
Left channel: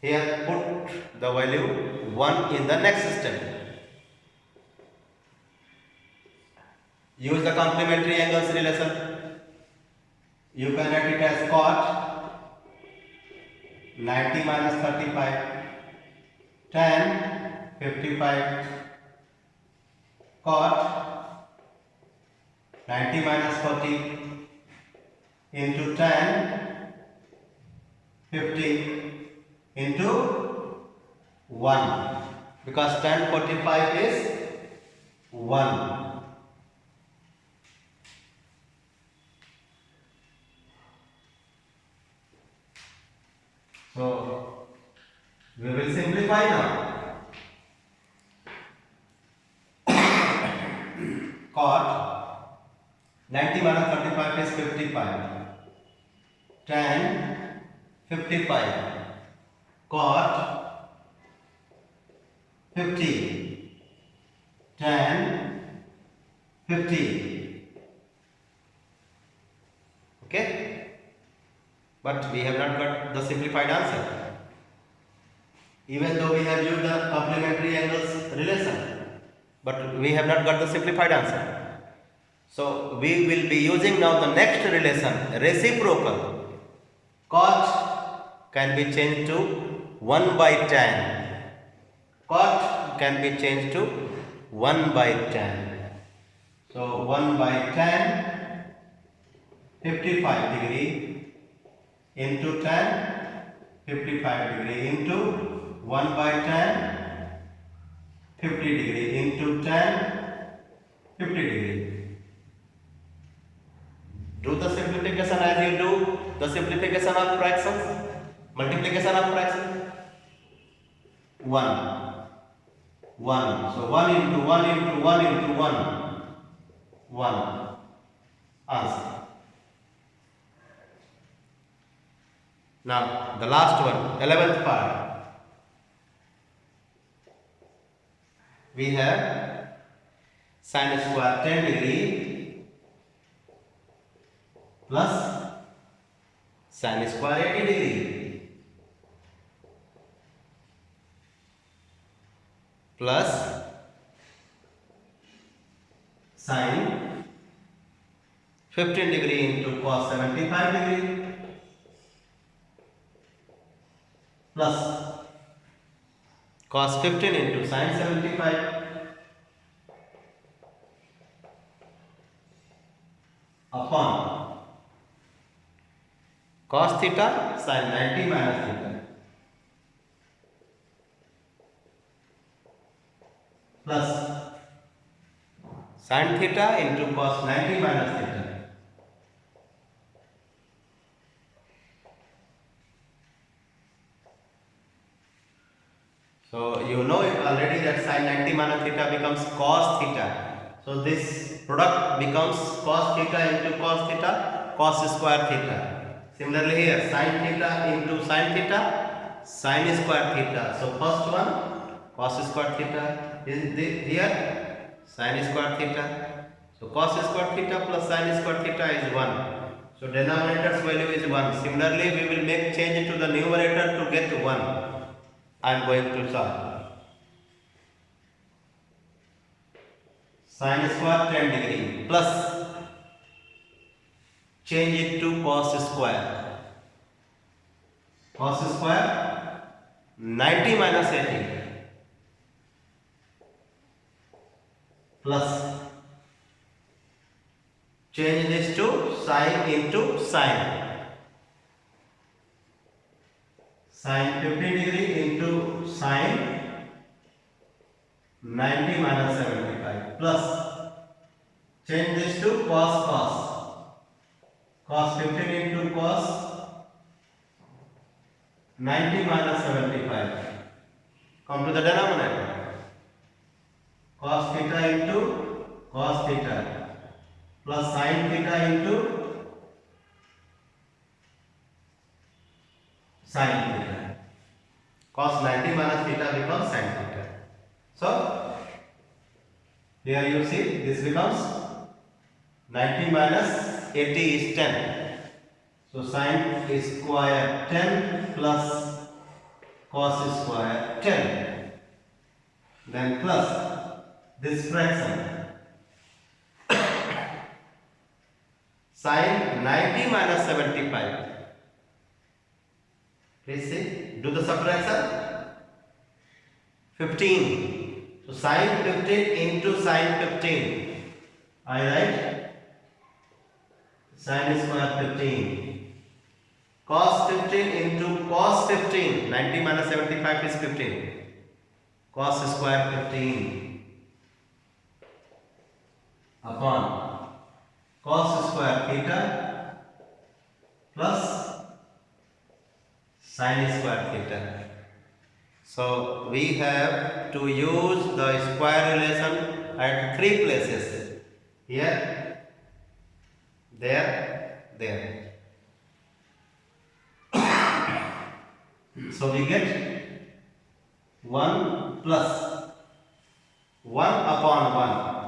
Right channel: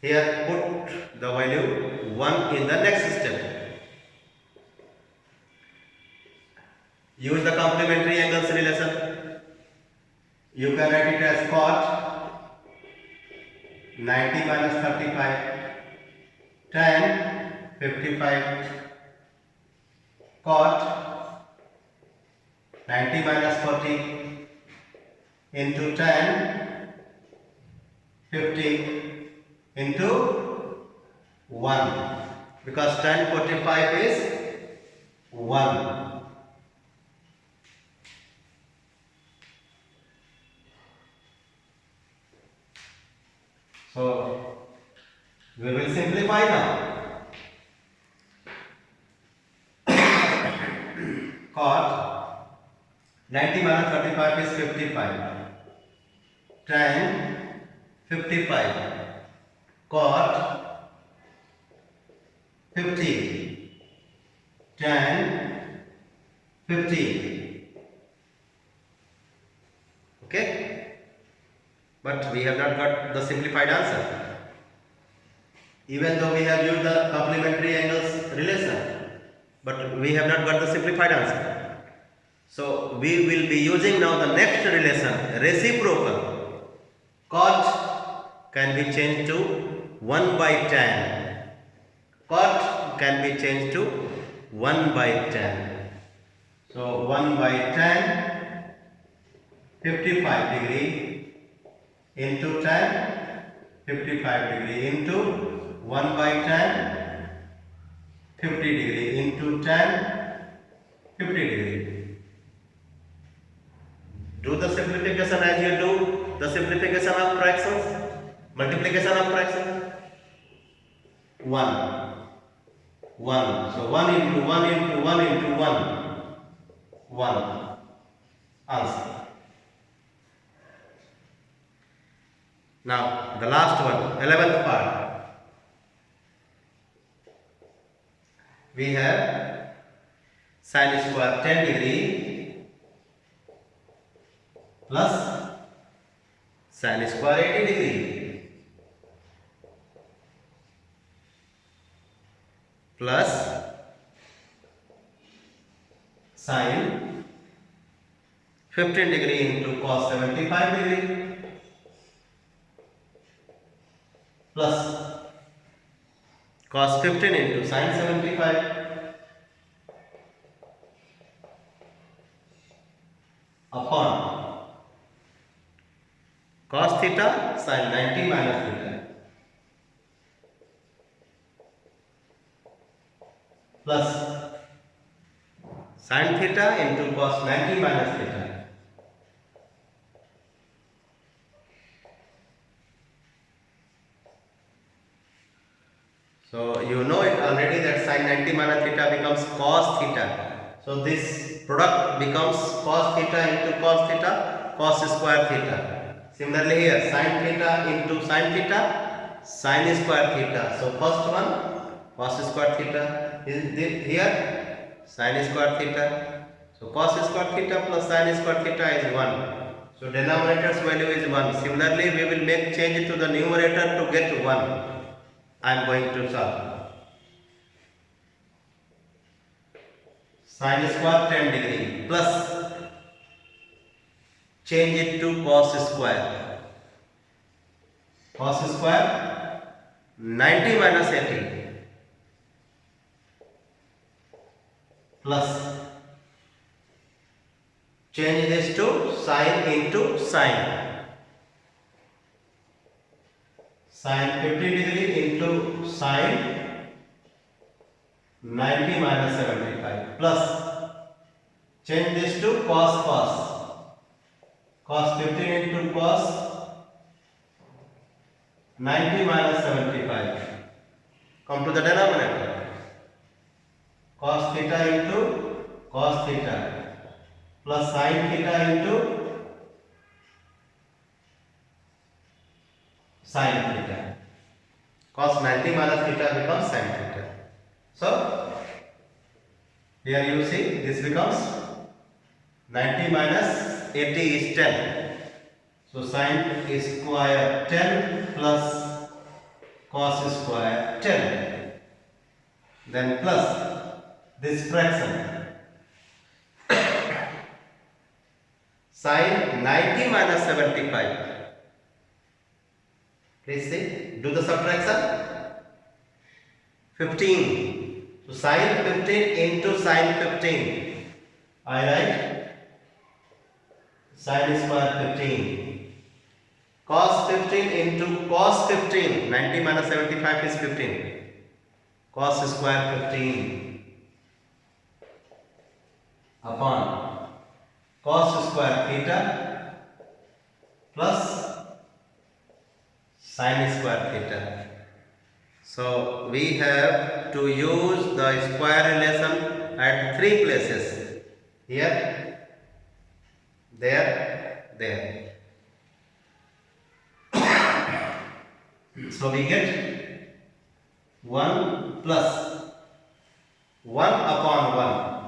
Here put the value 1 in the next step. Use the complementary angles relation. You can write it as cot 90 minus 35 tan 55 cot 90 minus 40 into tan 50 into 1, because tan 45 is 1. So we will simplify now. Cot 90 minus 35 is 55. Tan 55 cot 50 tan 50. Okay, but we have not got the simplified answer, even though we have used the complementary angles relation, but we have not got the simplified answer. So we will be using now the next relation, reciprocal. Cot can be changed to 1 by tan. Cot can be changed to 1 by tan. So 1 by tan 55 degree into tan 55 degree into 1 by tan 50 degree into tan 50 degree. Do the simplification as you do the simplification of fractions, multiplication of fractions. 1. So 1 into 1 into 1 into 1. 1. Answer. Now the last one, 11th part. We have sin square 10 degree plus sin square 80 degree plus sin 15 degree into cos 75 degree plus cos 15 into sin 75 upon cos theta sin 90 minus theta plus sin theta into cos 90 minus theta So you know it already that sin 90 minus theta becomes cos theta. So this product becomes cos theta into cos theta, cos square theta. Similarly here sin theta into sin theta, sin square theta. So first one cos square theta is here sin square theta. So cos square theta plus sin square theta is 1. So denominator's value is 1. Similarly, we will make change to the numerator to get 1. I am going to solve. Sin square 10 degree plus change it to cos square. Cos square 90 minus 80 plus change this to sin into sin. Sin 15 degree into sin 90 minus 75 plus change this to cos cos 15 into cos 90 minus 75. Come to the denominator. Cos theta into cos theta plus sin theta into sin theta. Cos 90 minus theta becomes sin theta. So here you see this becomes 90 minus 80 is 10. So sin square 10 plus cos square 10. Then plus this fraction. Sin 90 minus 75. Please see, do the subtraction. 15. So sin 15 into sin 15. I write sin square 15. Cos 15 into cos 15. 90 minus 75 is 15. Cos square 15 upon cos square theta plus sin square theta. So we have to use the square relation at 3 places. Here, there. So we get 1 plus 1 upon 1.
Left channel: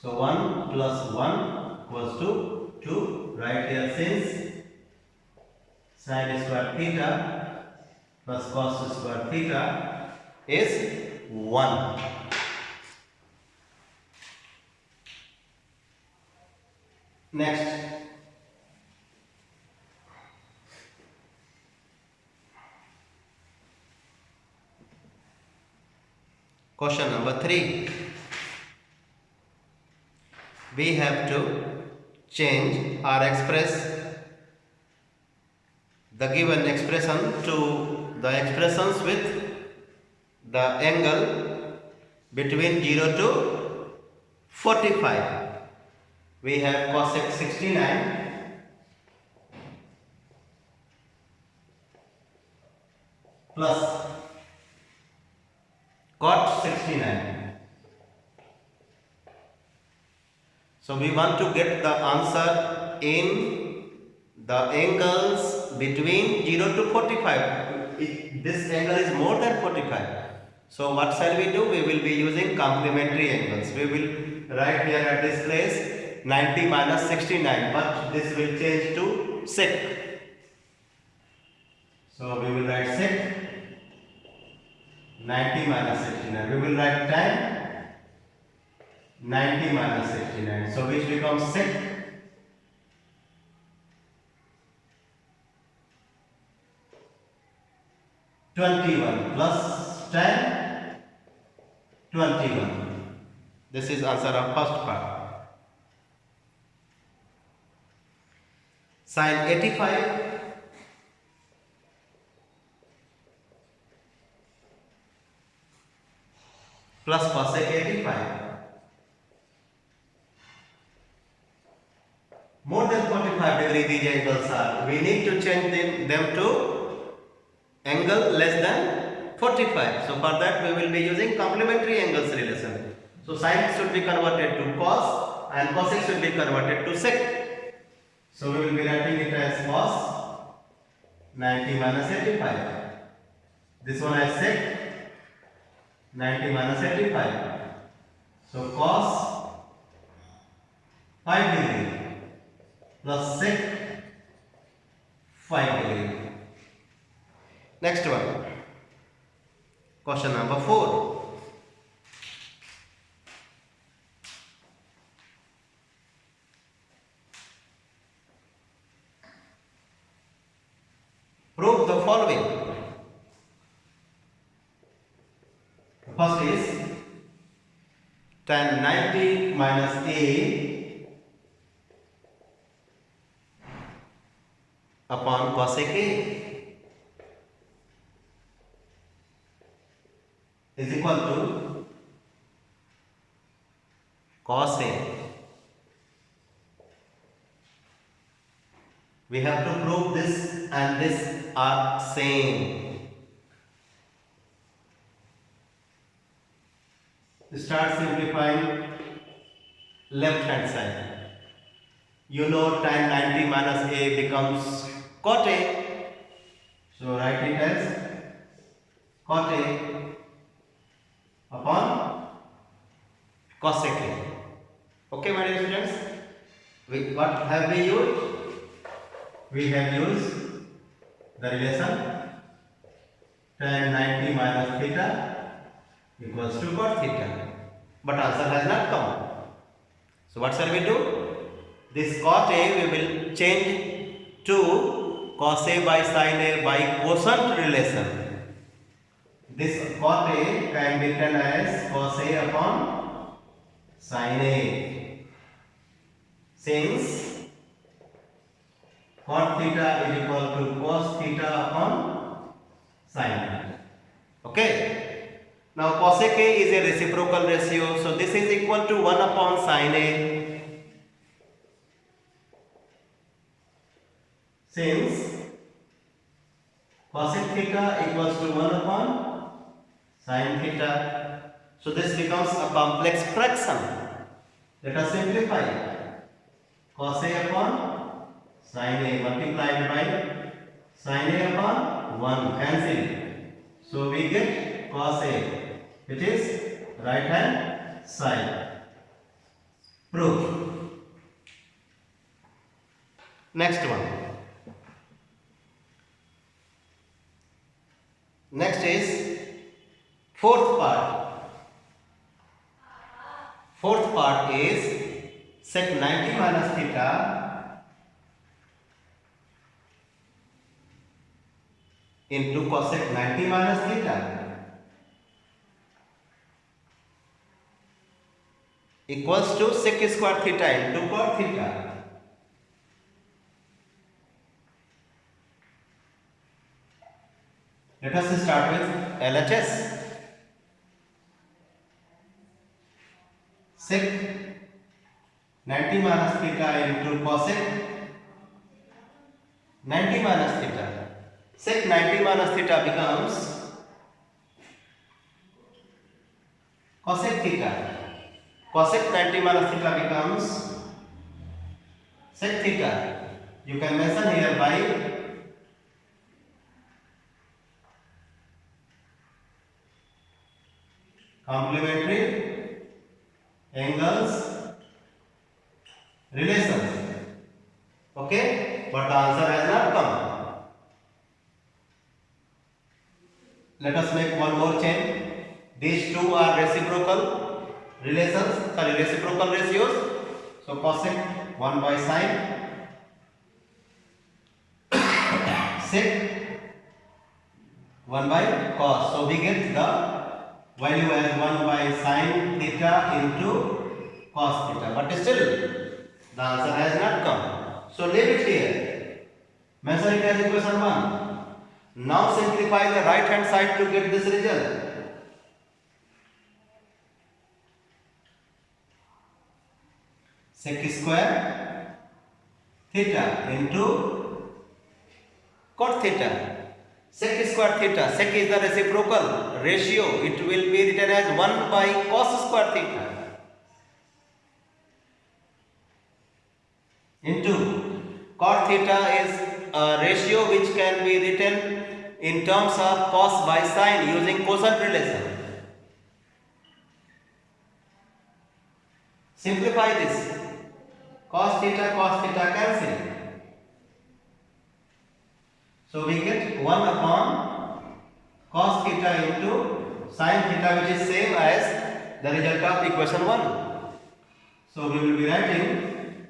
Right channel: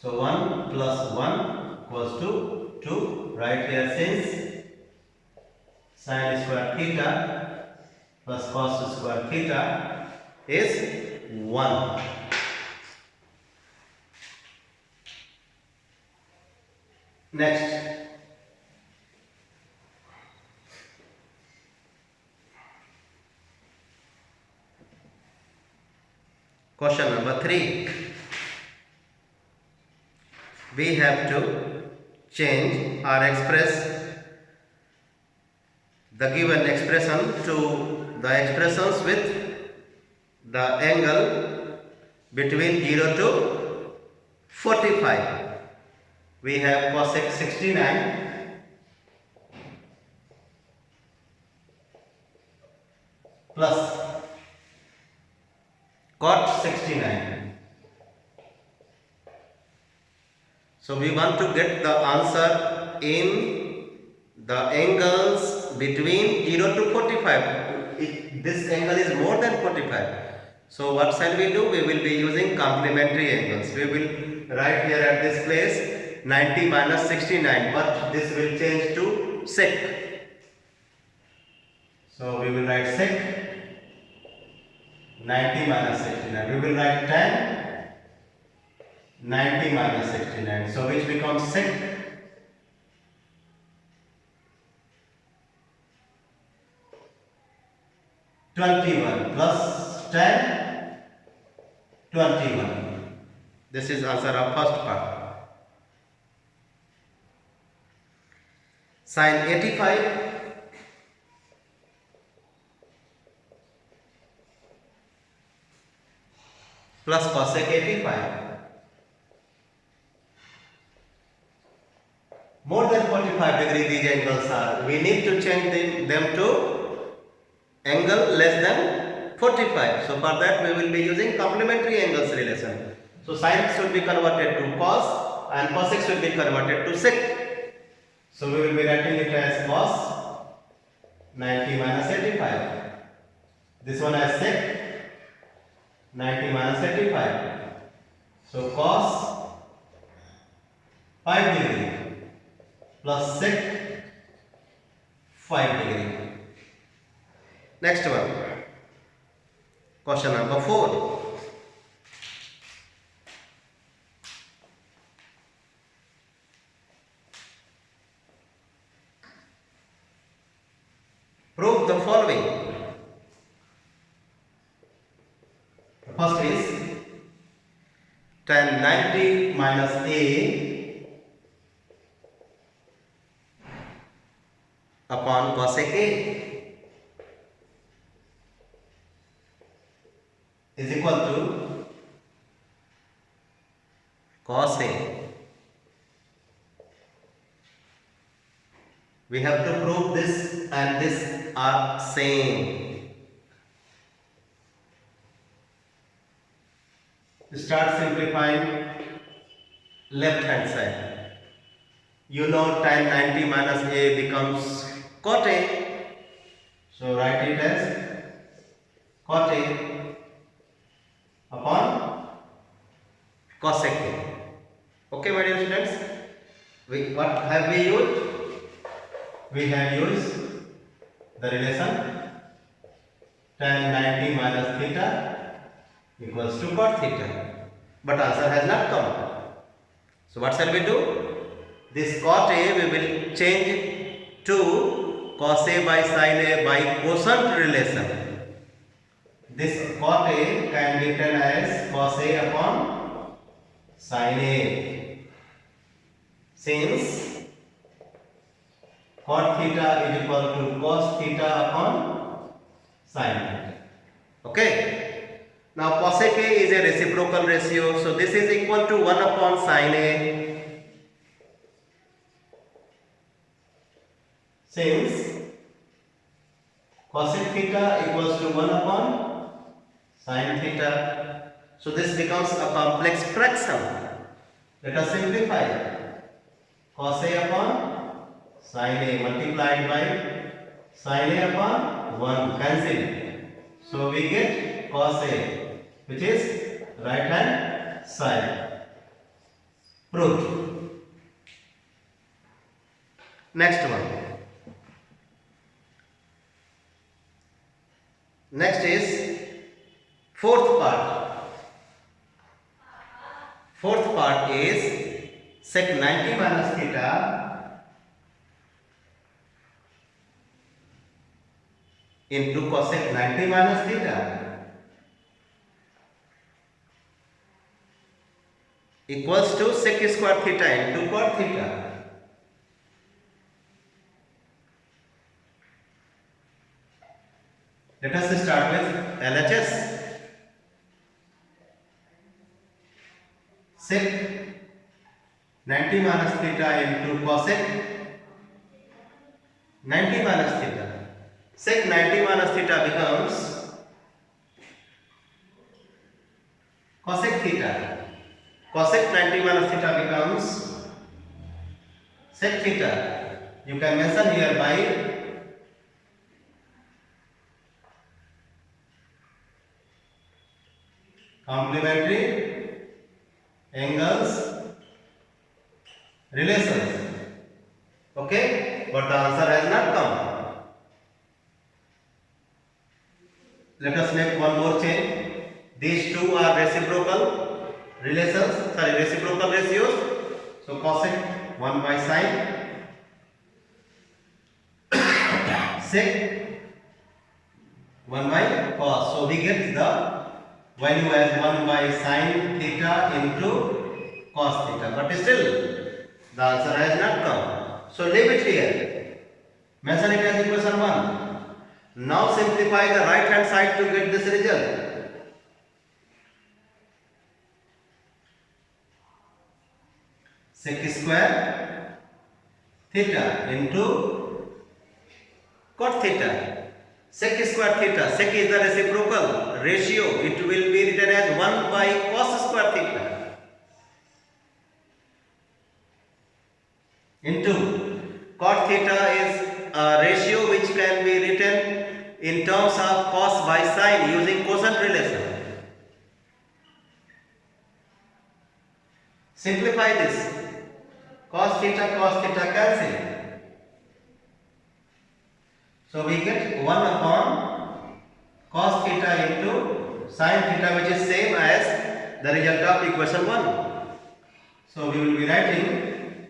So 1 plus 1 equals to 2. Right here since sin square theta plus cos square theta is 1. Next, question number 3. We have to change or express the given expression to the expressions with the angle between 0 to 45. We have cosec 69 plus cot 69. So we want to get the answer in the angles between 0 to 45. This angle is more than 45. So what shall we do? We will be using complementary angles. We will write here at this place 90 minus 69, but this will change to sec. So we will write sec 90 minus 69. We will write tan 90 minus 69. So which becomes sec 21 plus tan 21. This is answer of first part. Sin 85 plus cosec 85. More than 45 degree these angles are. We need to change them to angle less than 45. So for that we will be using complementary angles relation. So sin should be converted to cos and cosec should be converted to sec. So we will be writing it as cos 90 minus 85. This one as sec 90 minus 85. So cos 5 degree plus sec 5 degree. Next one, question number 4. Prove the following. First is tan 90 minus a upon cosec a is equal to cos a. We have to prove this and this are same. Start simplifying left hand side. You know tan 90 minus a becomes cot a. So write it as cot a upon cosec a. Okay, my dear students. What have we used? We have used the relation tan 90 minus theta equals to cot theta. But answer has not come. So what shall we do? This cot a we will change to cos a by sin a by quotient relation. This cot a can be written as cos a upon sin a. Since cot theta is equal to cos theta upon sin theta. Okay. Now cosec a is a reciprocal ratio, so this is equal to 1 upon sin a. Since cosec theta equals to 1 upon sin theta, so this becomes a complex fraction. Let us simplify. Cos a upon sin a multiplied by sin a upon 1 cancel. So we get cos a, which is right hand side. Proved. Next one. Next is fourth part. Fourth part is sec 90 minus theta into cosec 90 minus theta equals to sec square theta into cot theta. Let us start with LHS. Sec 90 minus theta into cosec 90 minus theta. Sec 90 minus theta becomes cosec theta. Cosec 90 minus theta becomes sec theta. You can mention here by complementary angles relations. Okay, but the answer has not come. Let us make one more change. These two are reciprocal relations, reciprocal ratios. So cosec 1 by sin, sec 1 by cos. So we get the value as 1 by sin theta into cos theta. But still the answer has not come. So leave it here. Mention it as equation 1. Now simplify the right hand side to get this result. Sec square theta into cot theta. Sec square theta. Sec is the reciprocal ratio. It will be written as 1 by cos square theta into cot theta is a ratio which can be written in terms of cos by sin using quotient relation. Simplify this. cos theta cancel. So we get 1 upon cos theta into sin theta, which is same as the result of equation 1. So we will be writing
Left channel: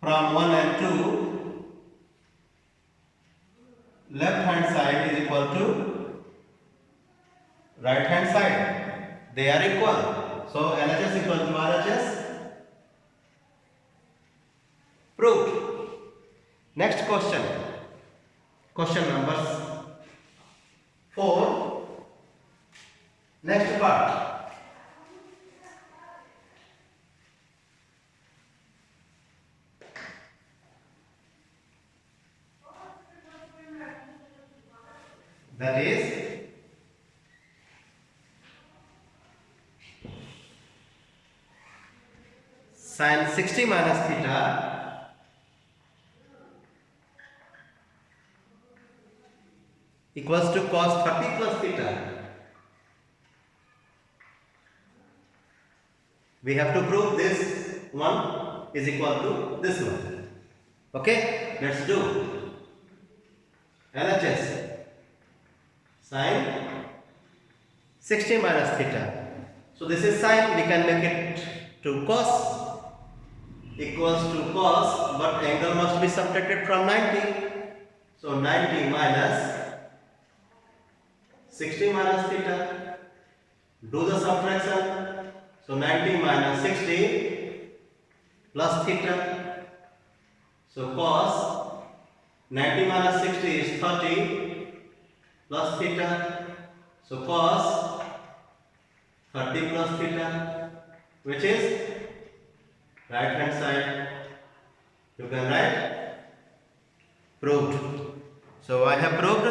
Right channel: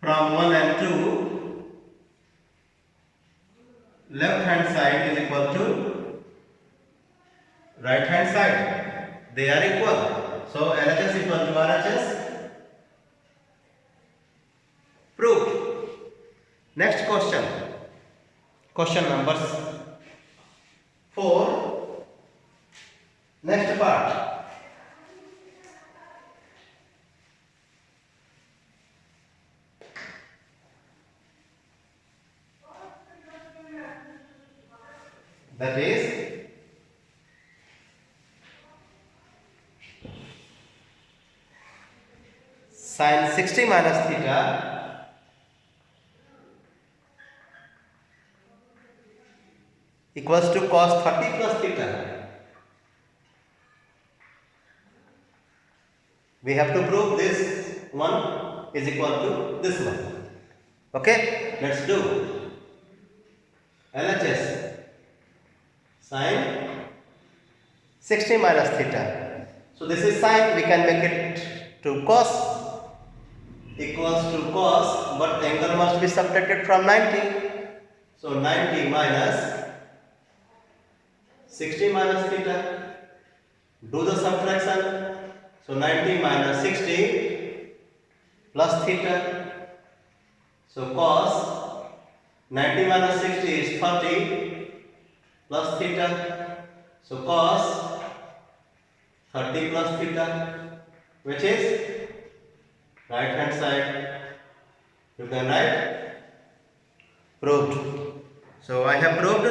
from 1 and 2, left hand side is equal to right hand side. They are equal. So LHS equal to RHS. Proved. Next question. Question number 4. Next part. That is sin 60 minus theta equals to cos 30 plus theta. We have to prove this one is equal to this one. Okay, let's do LHS sin 60 minus theta. So this is sin, we can make it to cos equals to cos, but angle must be subtracted from 90. So 90 minus 60 minus theta. Do the subtraction. So 90 minus 60 plus theta. So cos 90 minus 60 is 30 plus theta. So cos 30 plus theta, which is right hand side. You can write proved. So I have proved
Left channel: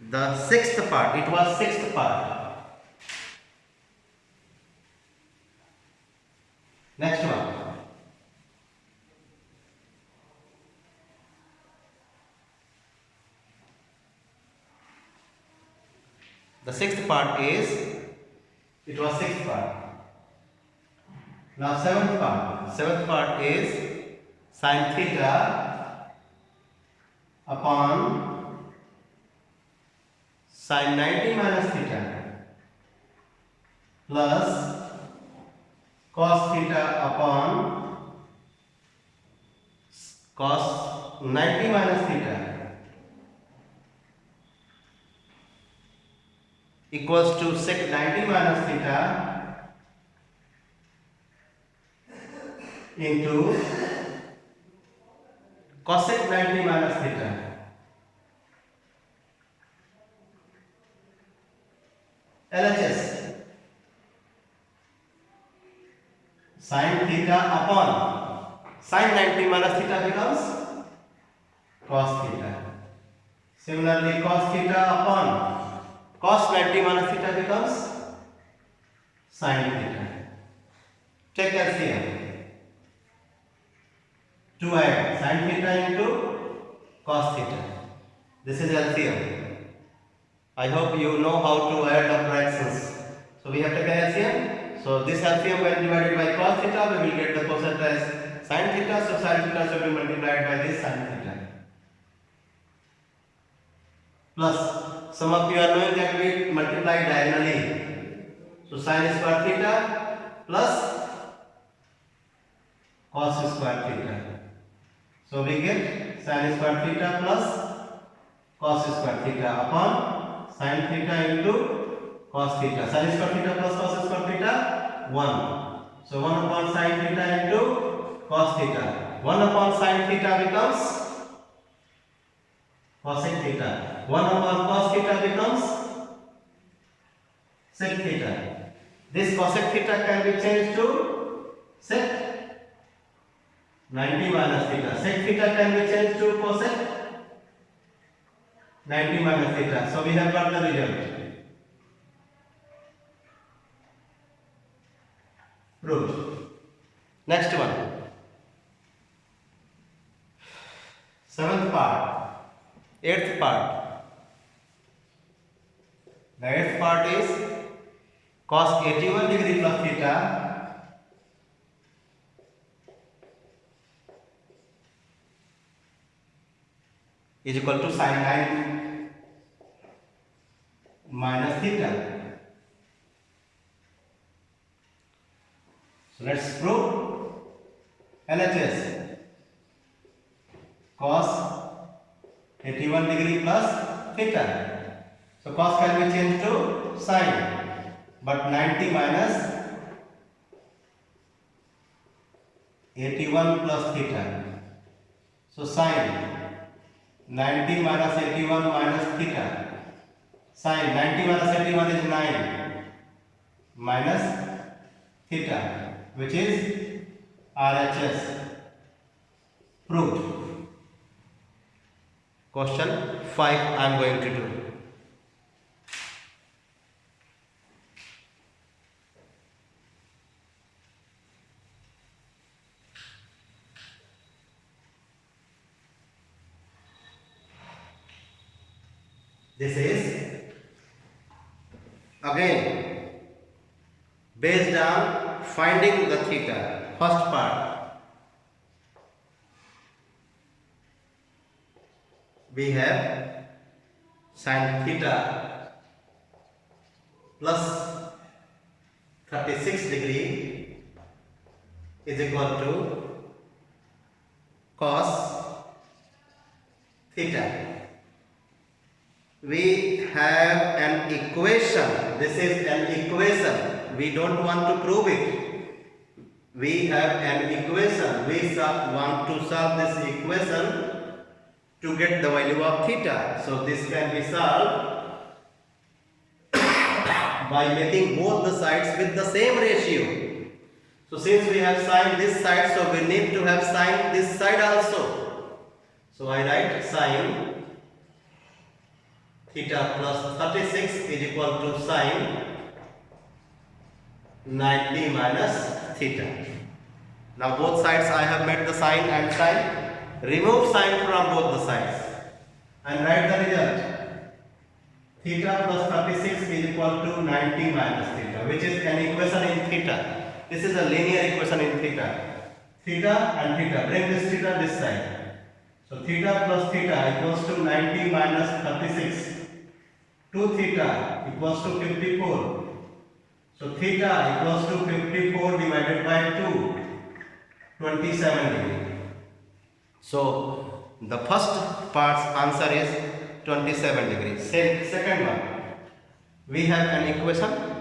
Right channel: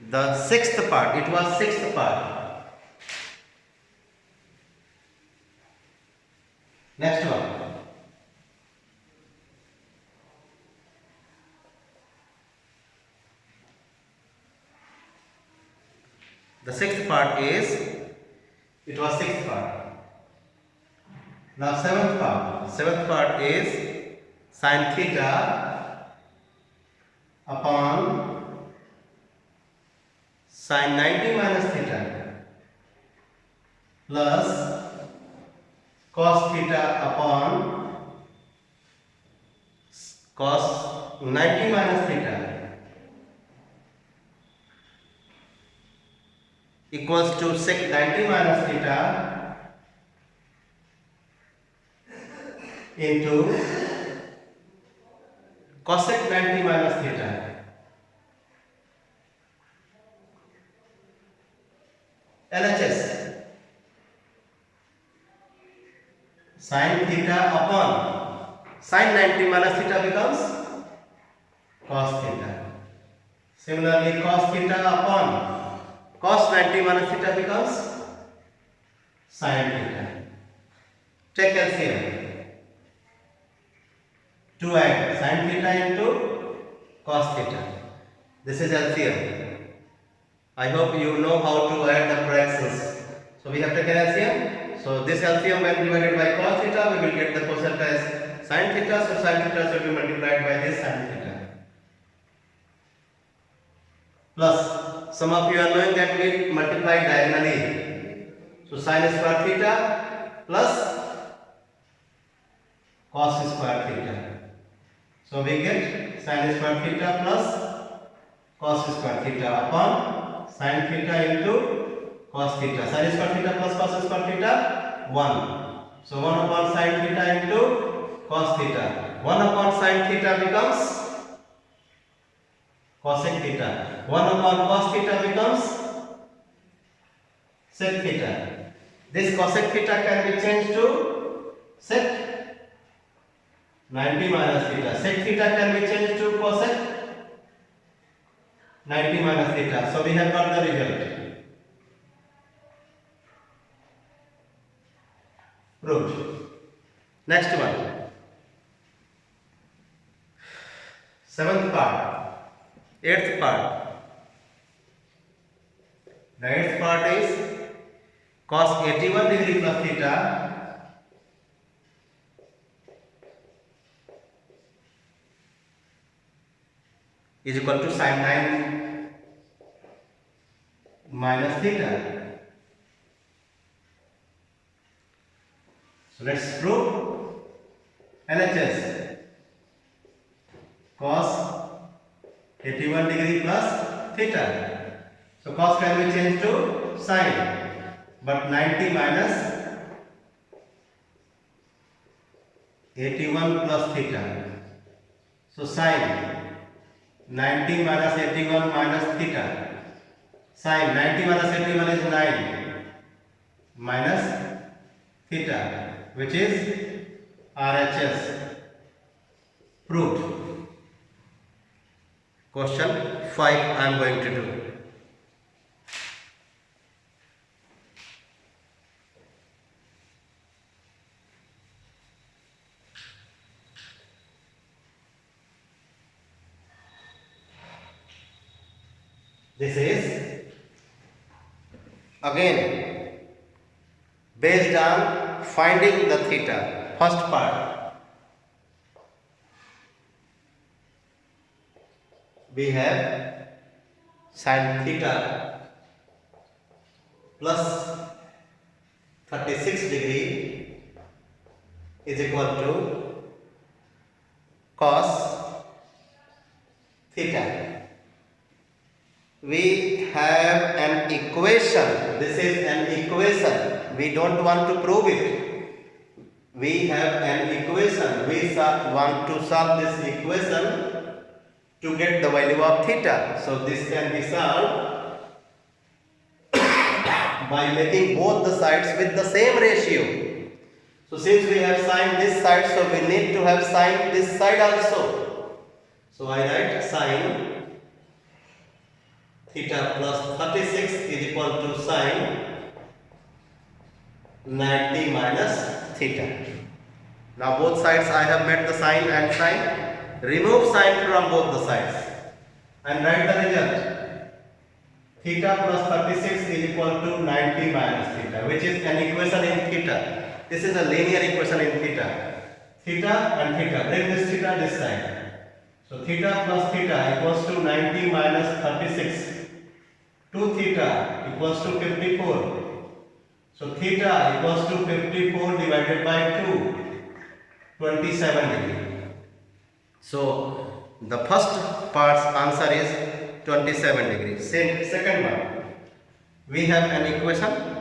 the sixth part. It was sixth part. Next one. The sixth part is, it was sixth part. Now seventh part. Seventh part is sin theta upon sin 90 minus theta plus cos theta upon cos 90 minus theta equals to sec 90 minus theta into cosec 90 minus theta. LHS sin theta upon sin 90 minus theta becomes cos theta. Similarly, cos theta upon cos 90 minus theta becomes sin theta. Take LCM. To add sin theta into cos theta. This is LCM. I hope you know how to add the fractions. So we have taken LCM. So this LCM when divided by cos theta, we will get the quotient as sin theta. So sin theta should be multiplied by this sin theta. Plus, some of you are knowing that we multiply diagonally. So sin square theta plus cos square theta. So we get sin square theta plus cos square theta upon sin theta into cos theta. Sin square theta plus cos square theta 1. So 1 upon sin theta into cos theta. 1 upon sin theta becomes cosec theta. 1 upon cos theta becomes sec theta. This cosec theta can be changed to sec 90 minus theta. Sec theta can be changed to cosec 90 minus theta. So we have got the result. Proved. Next one. Seventh part. Eighth part. The eighth part is cos 81 degree plus theta is equal to sine 9 minus theta. So let's prove LHS. Cos 81 degree plus theta. So cos can be changed to sine, but 90 minus 81 plus theta. So sine 90 minus 81 minus theta. Sine 90 minus 81 is 9 minus theta, which is RHS. Proved. Question 5 I am going to do. This is again based on finding the theta. First part, we have sin theta plus 36 degree is equal to cos theta. We have an equation. This is an equation. We don't want to prove it. We have an equation. We want to solve this equation to get the value of theta. So this can be solved by making both the sides with the same ratio. So since we have sine this side, so we need to have sine this side also. So I write sine theta plus 36 is equal to sine 90 minus theta. Now both sides I have made the sine and sine. Remove sine from both the sides and write the result. Theta plus 36 is equal to 90 minus theta, which is an equation in theta. This is a linear equation in theta. Theta and theta. Bring this theta this side. So theta plus theta equals to 90 minus 36. 2 theta equals to 54. So theta equals to 54 divided by 2, 27 degree. So the first part's answer is 27 degrees. Second one, we have an equation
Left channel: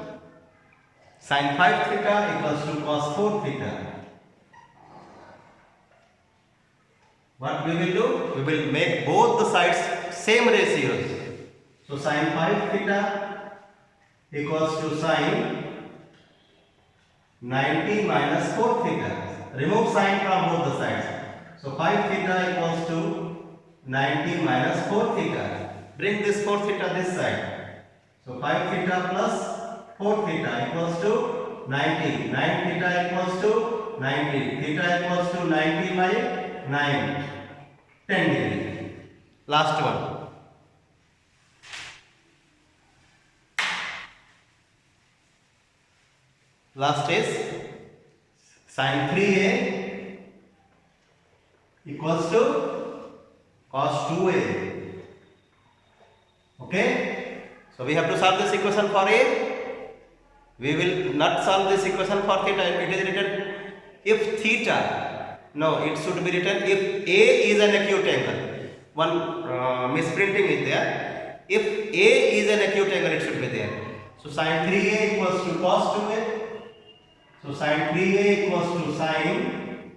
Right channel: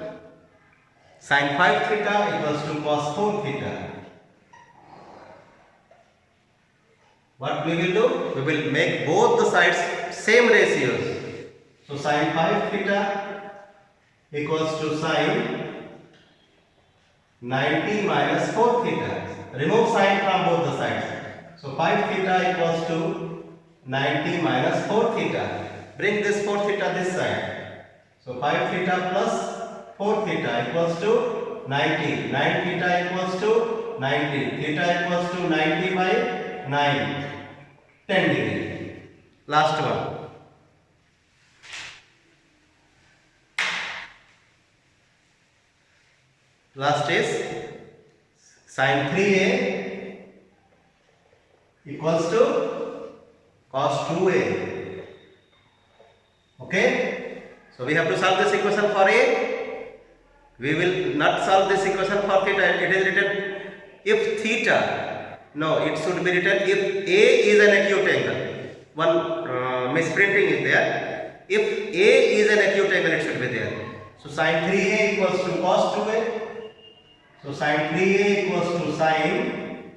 sin 5 theta equals to cos 4 theta. What we will do? We will make both the sides same ratios. So sin 5 theta equals to sin 90 minus 4 theta. Remove sin from both the sides. So 5 theta equals to 90 minus 4 theta. Bring this 4 theta this side. So 5 theta plus 4 theta equals to 90. 9 theta equals to 90. Theta equals to 90 by 9. 10 degree. Last one. Last is sin 3a equals to cos 2a. Okay? So we have to solve this equation for a. We will not solve this equation for theta. It is written if theta. No, it should be written if a is an acute angle. One misprinting is there. If a is an acute angle, it should be there. So sin 3a equals to cos 2a. So sin 3a equals to sin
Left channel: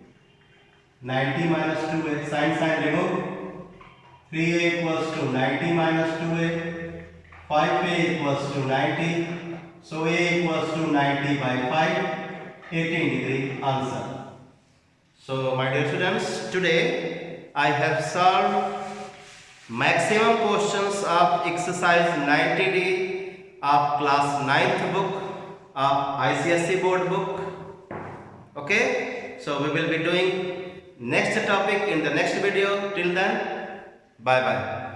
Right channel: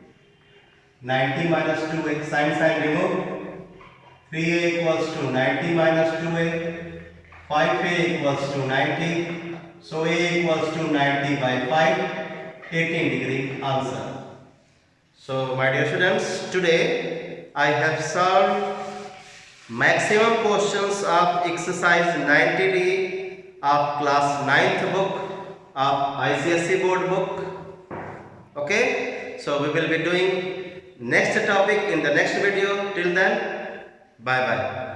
90 minus 2a. Sin remove. 3a equals to 90 minus 2a. 5a equals to 90. So a equals to 90 by 5. 18 degree answer. So my dear students, today I have solved maximum questions of exercise 90D of class 9th book of ICSE board book. Okay, so we will be doing next topic in the next video. Till then, bye bye.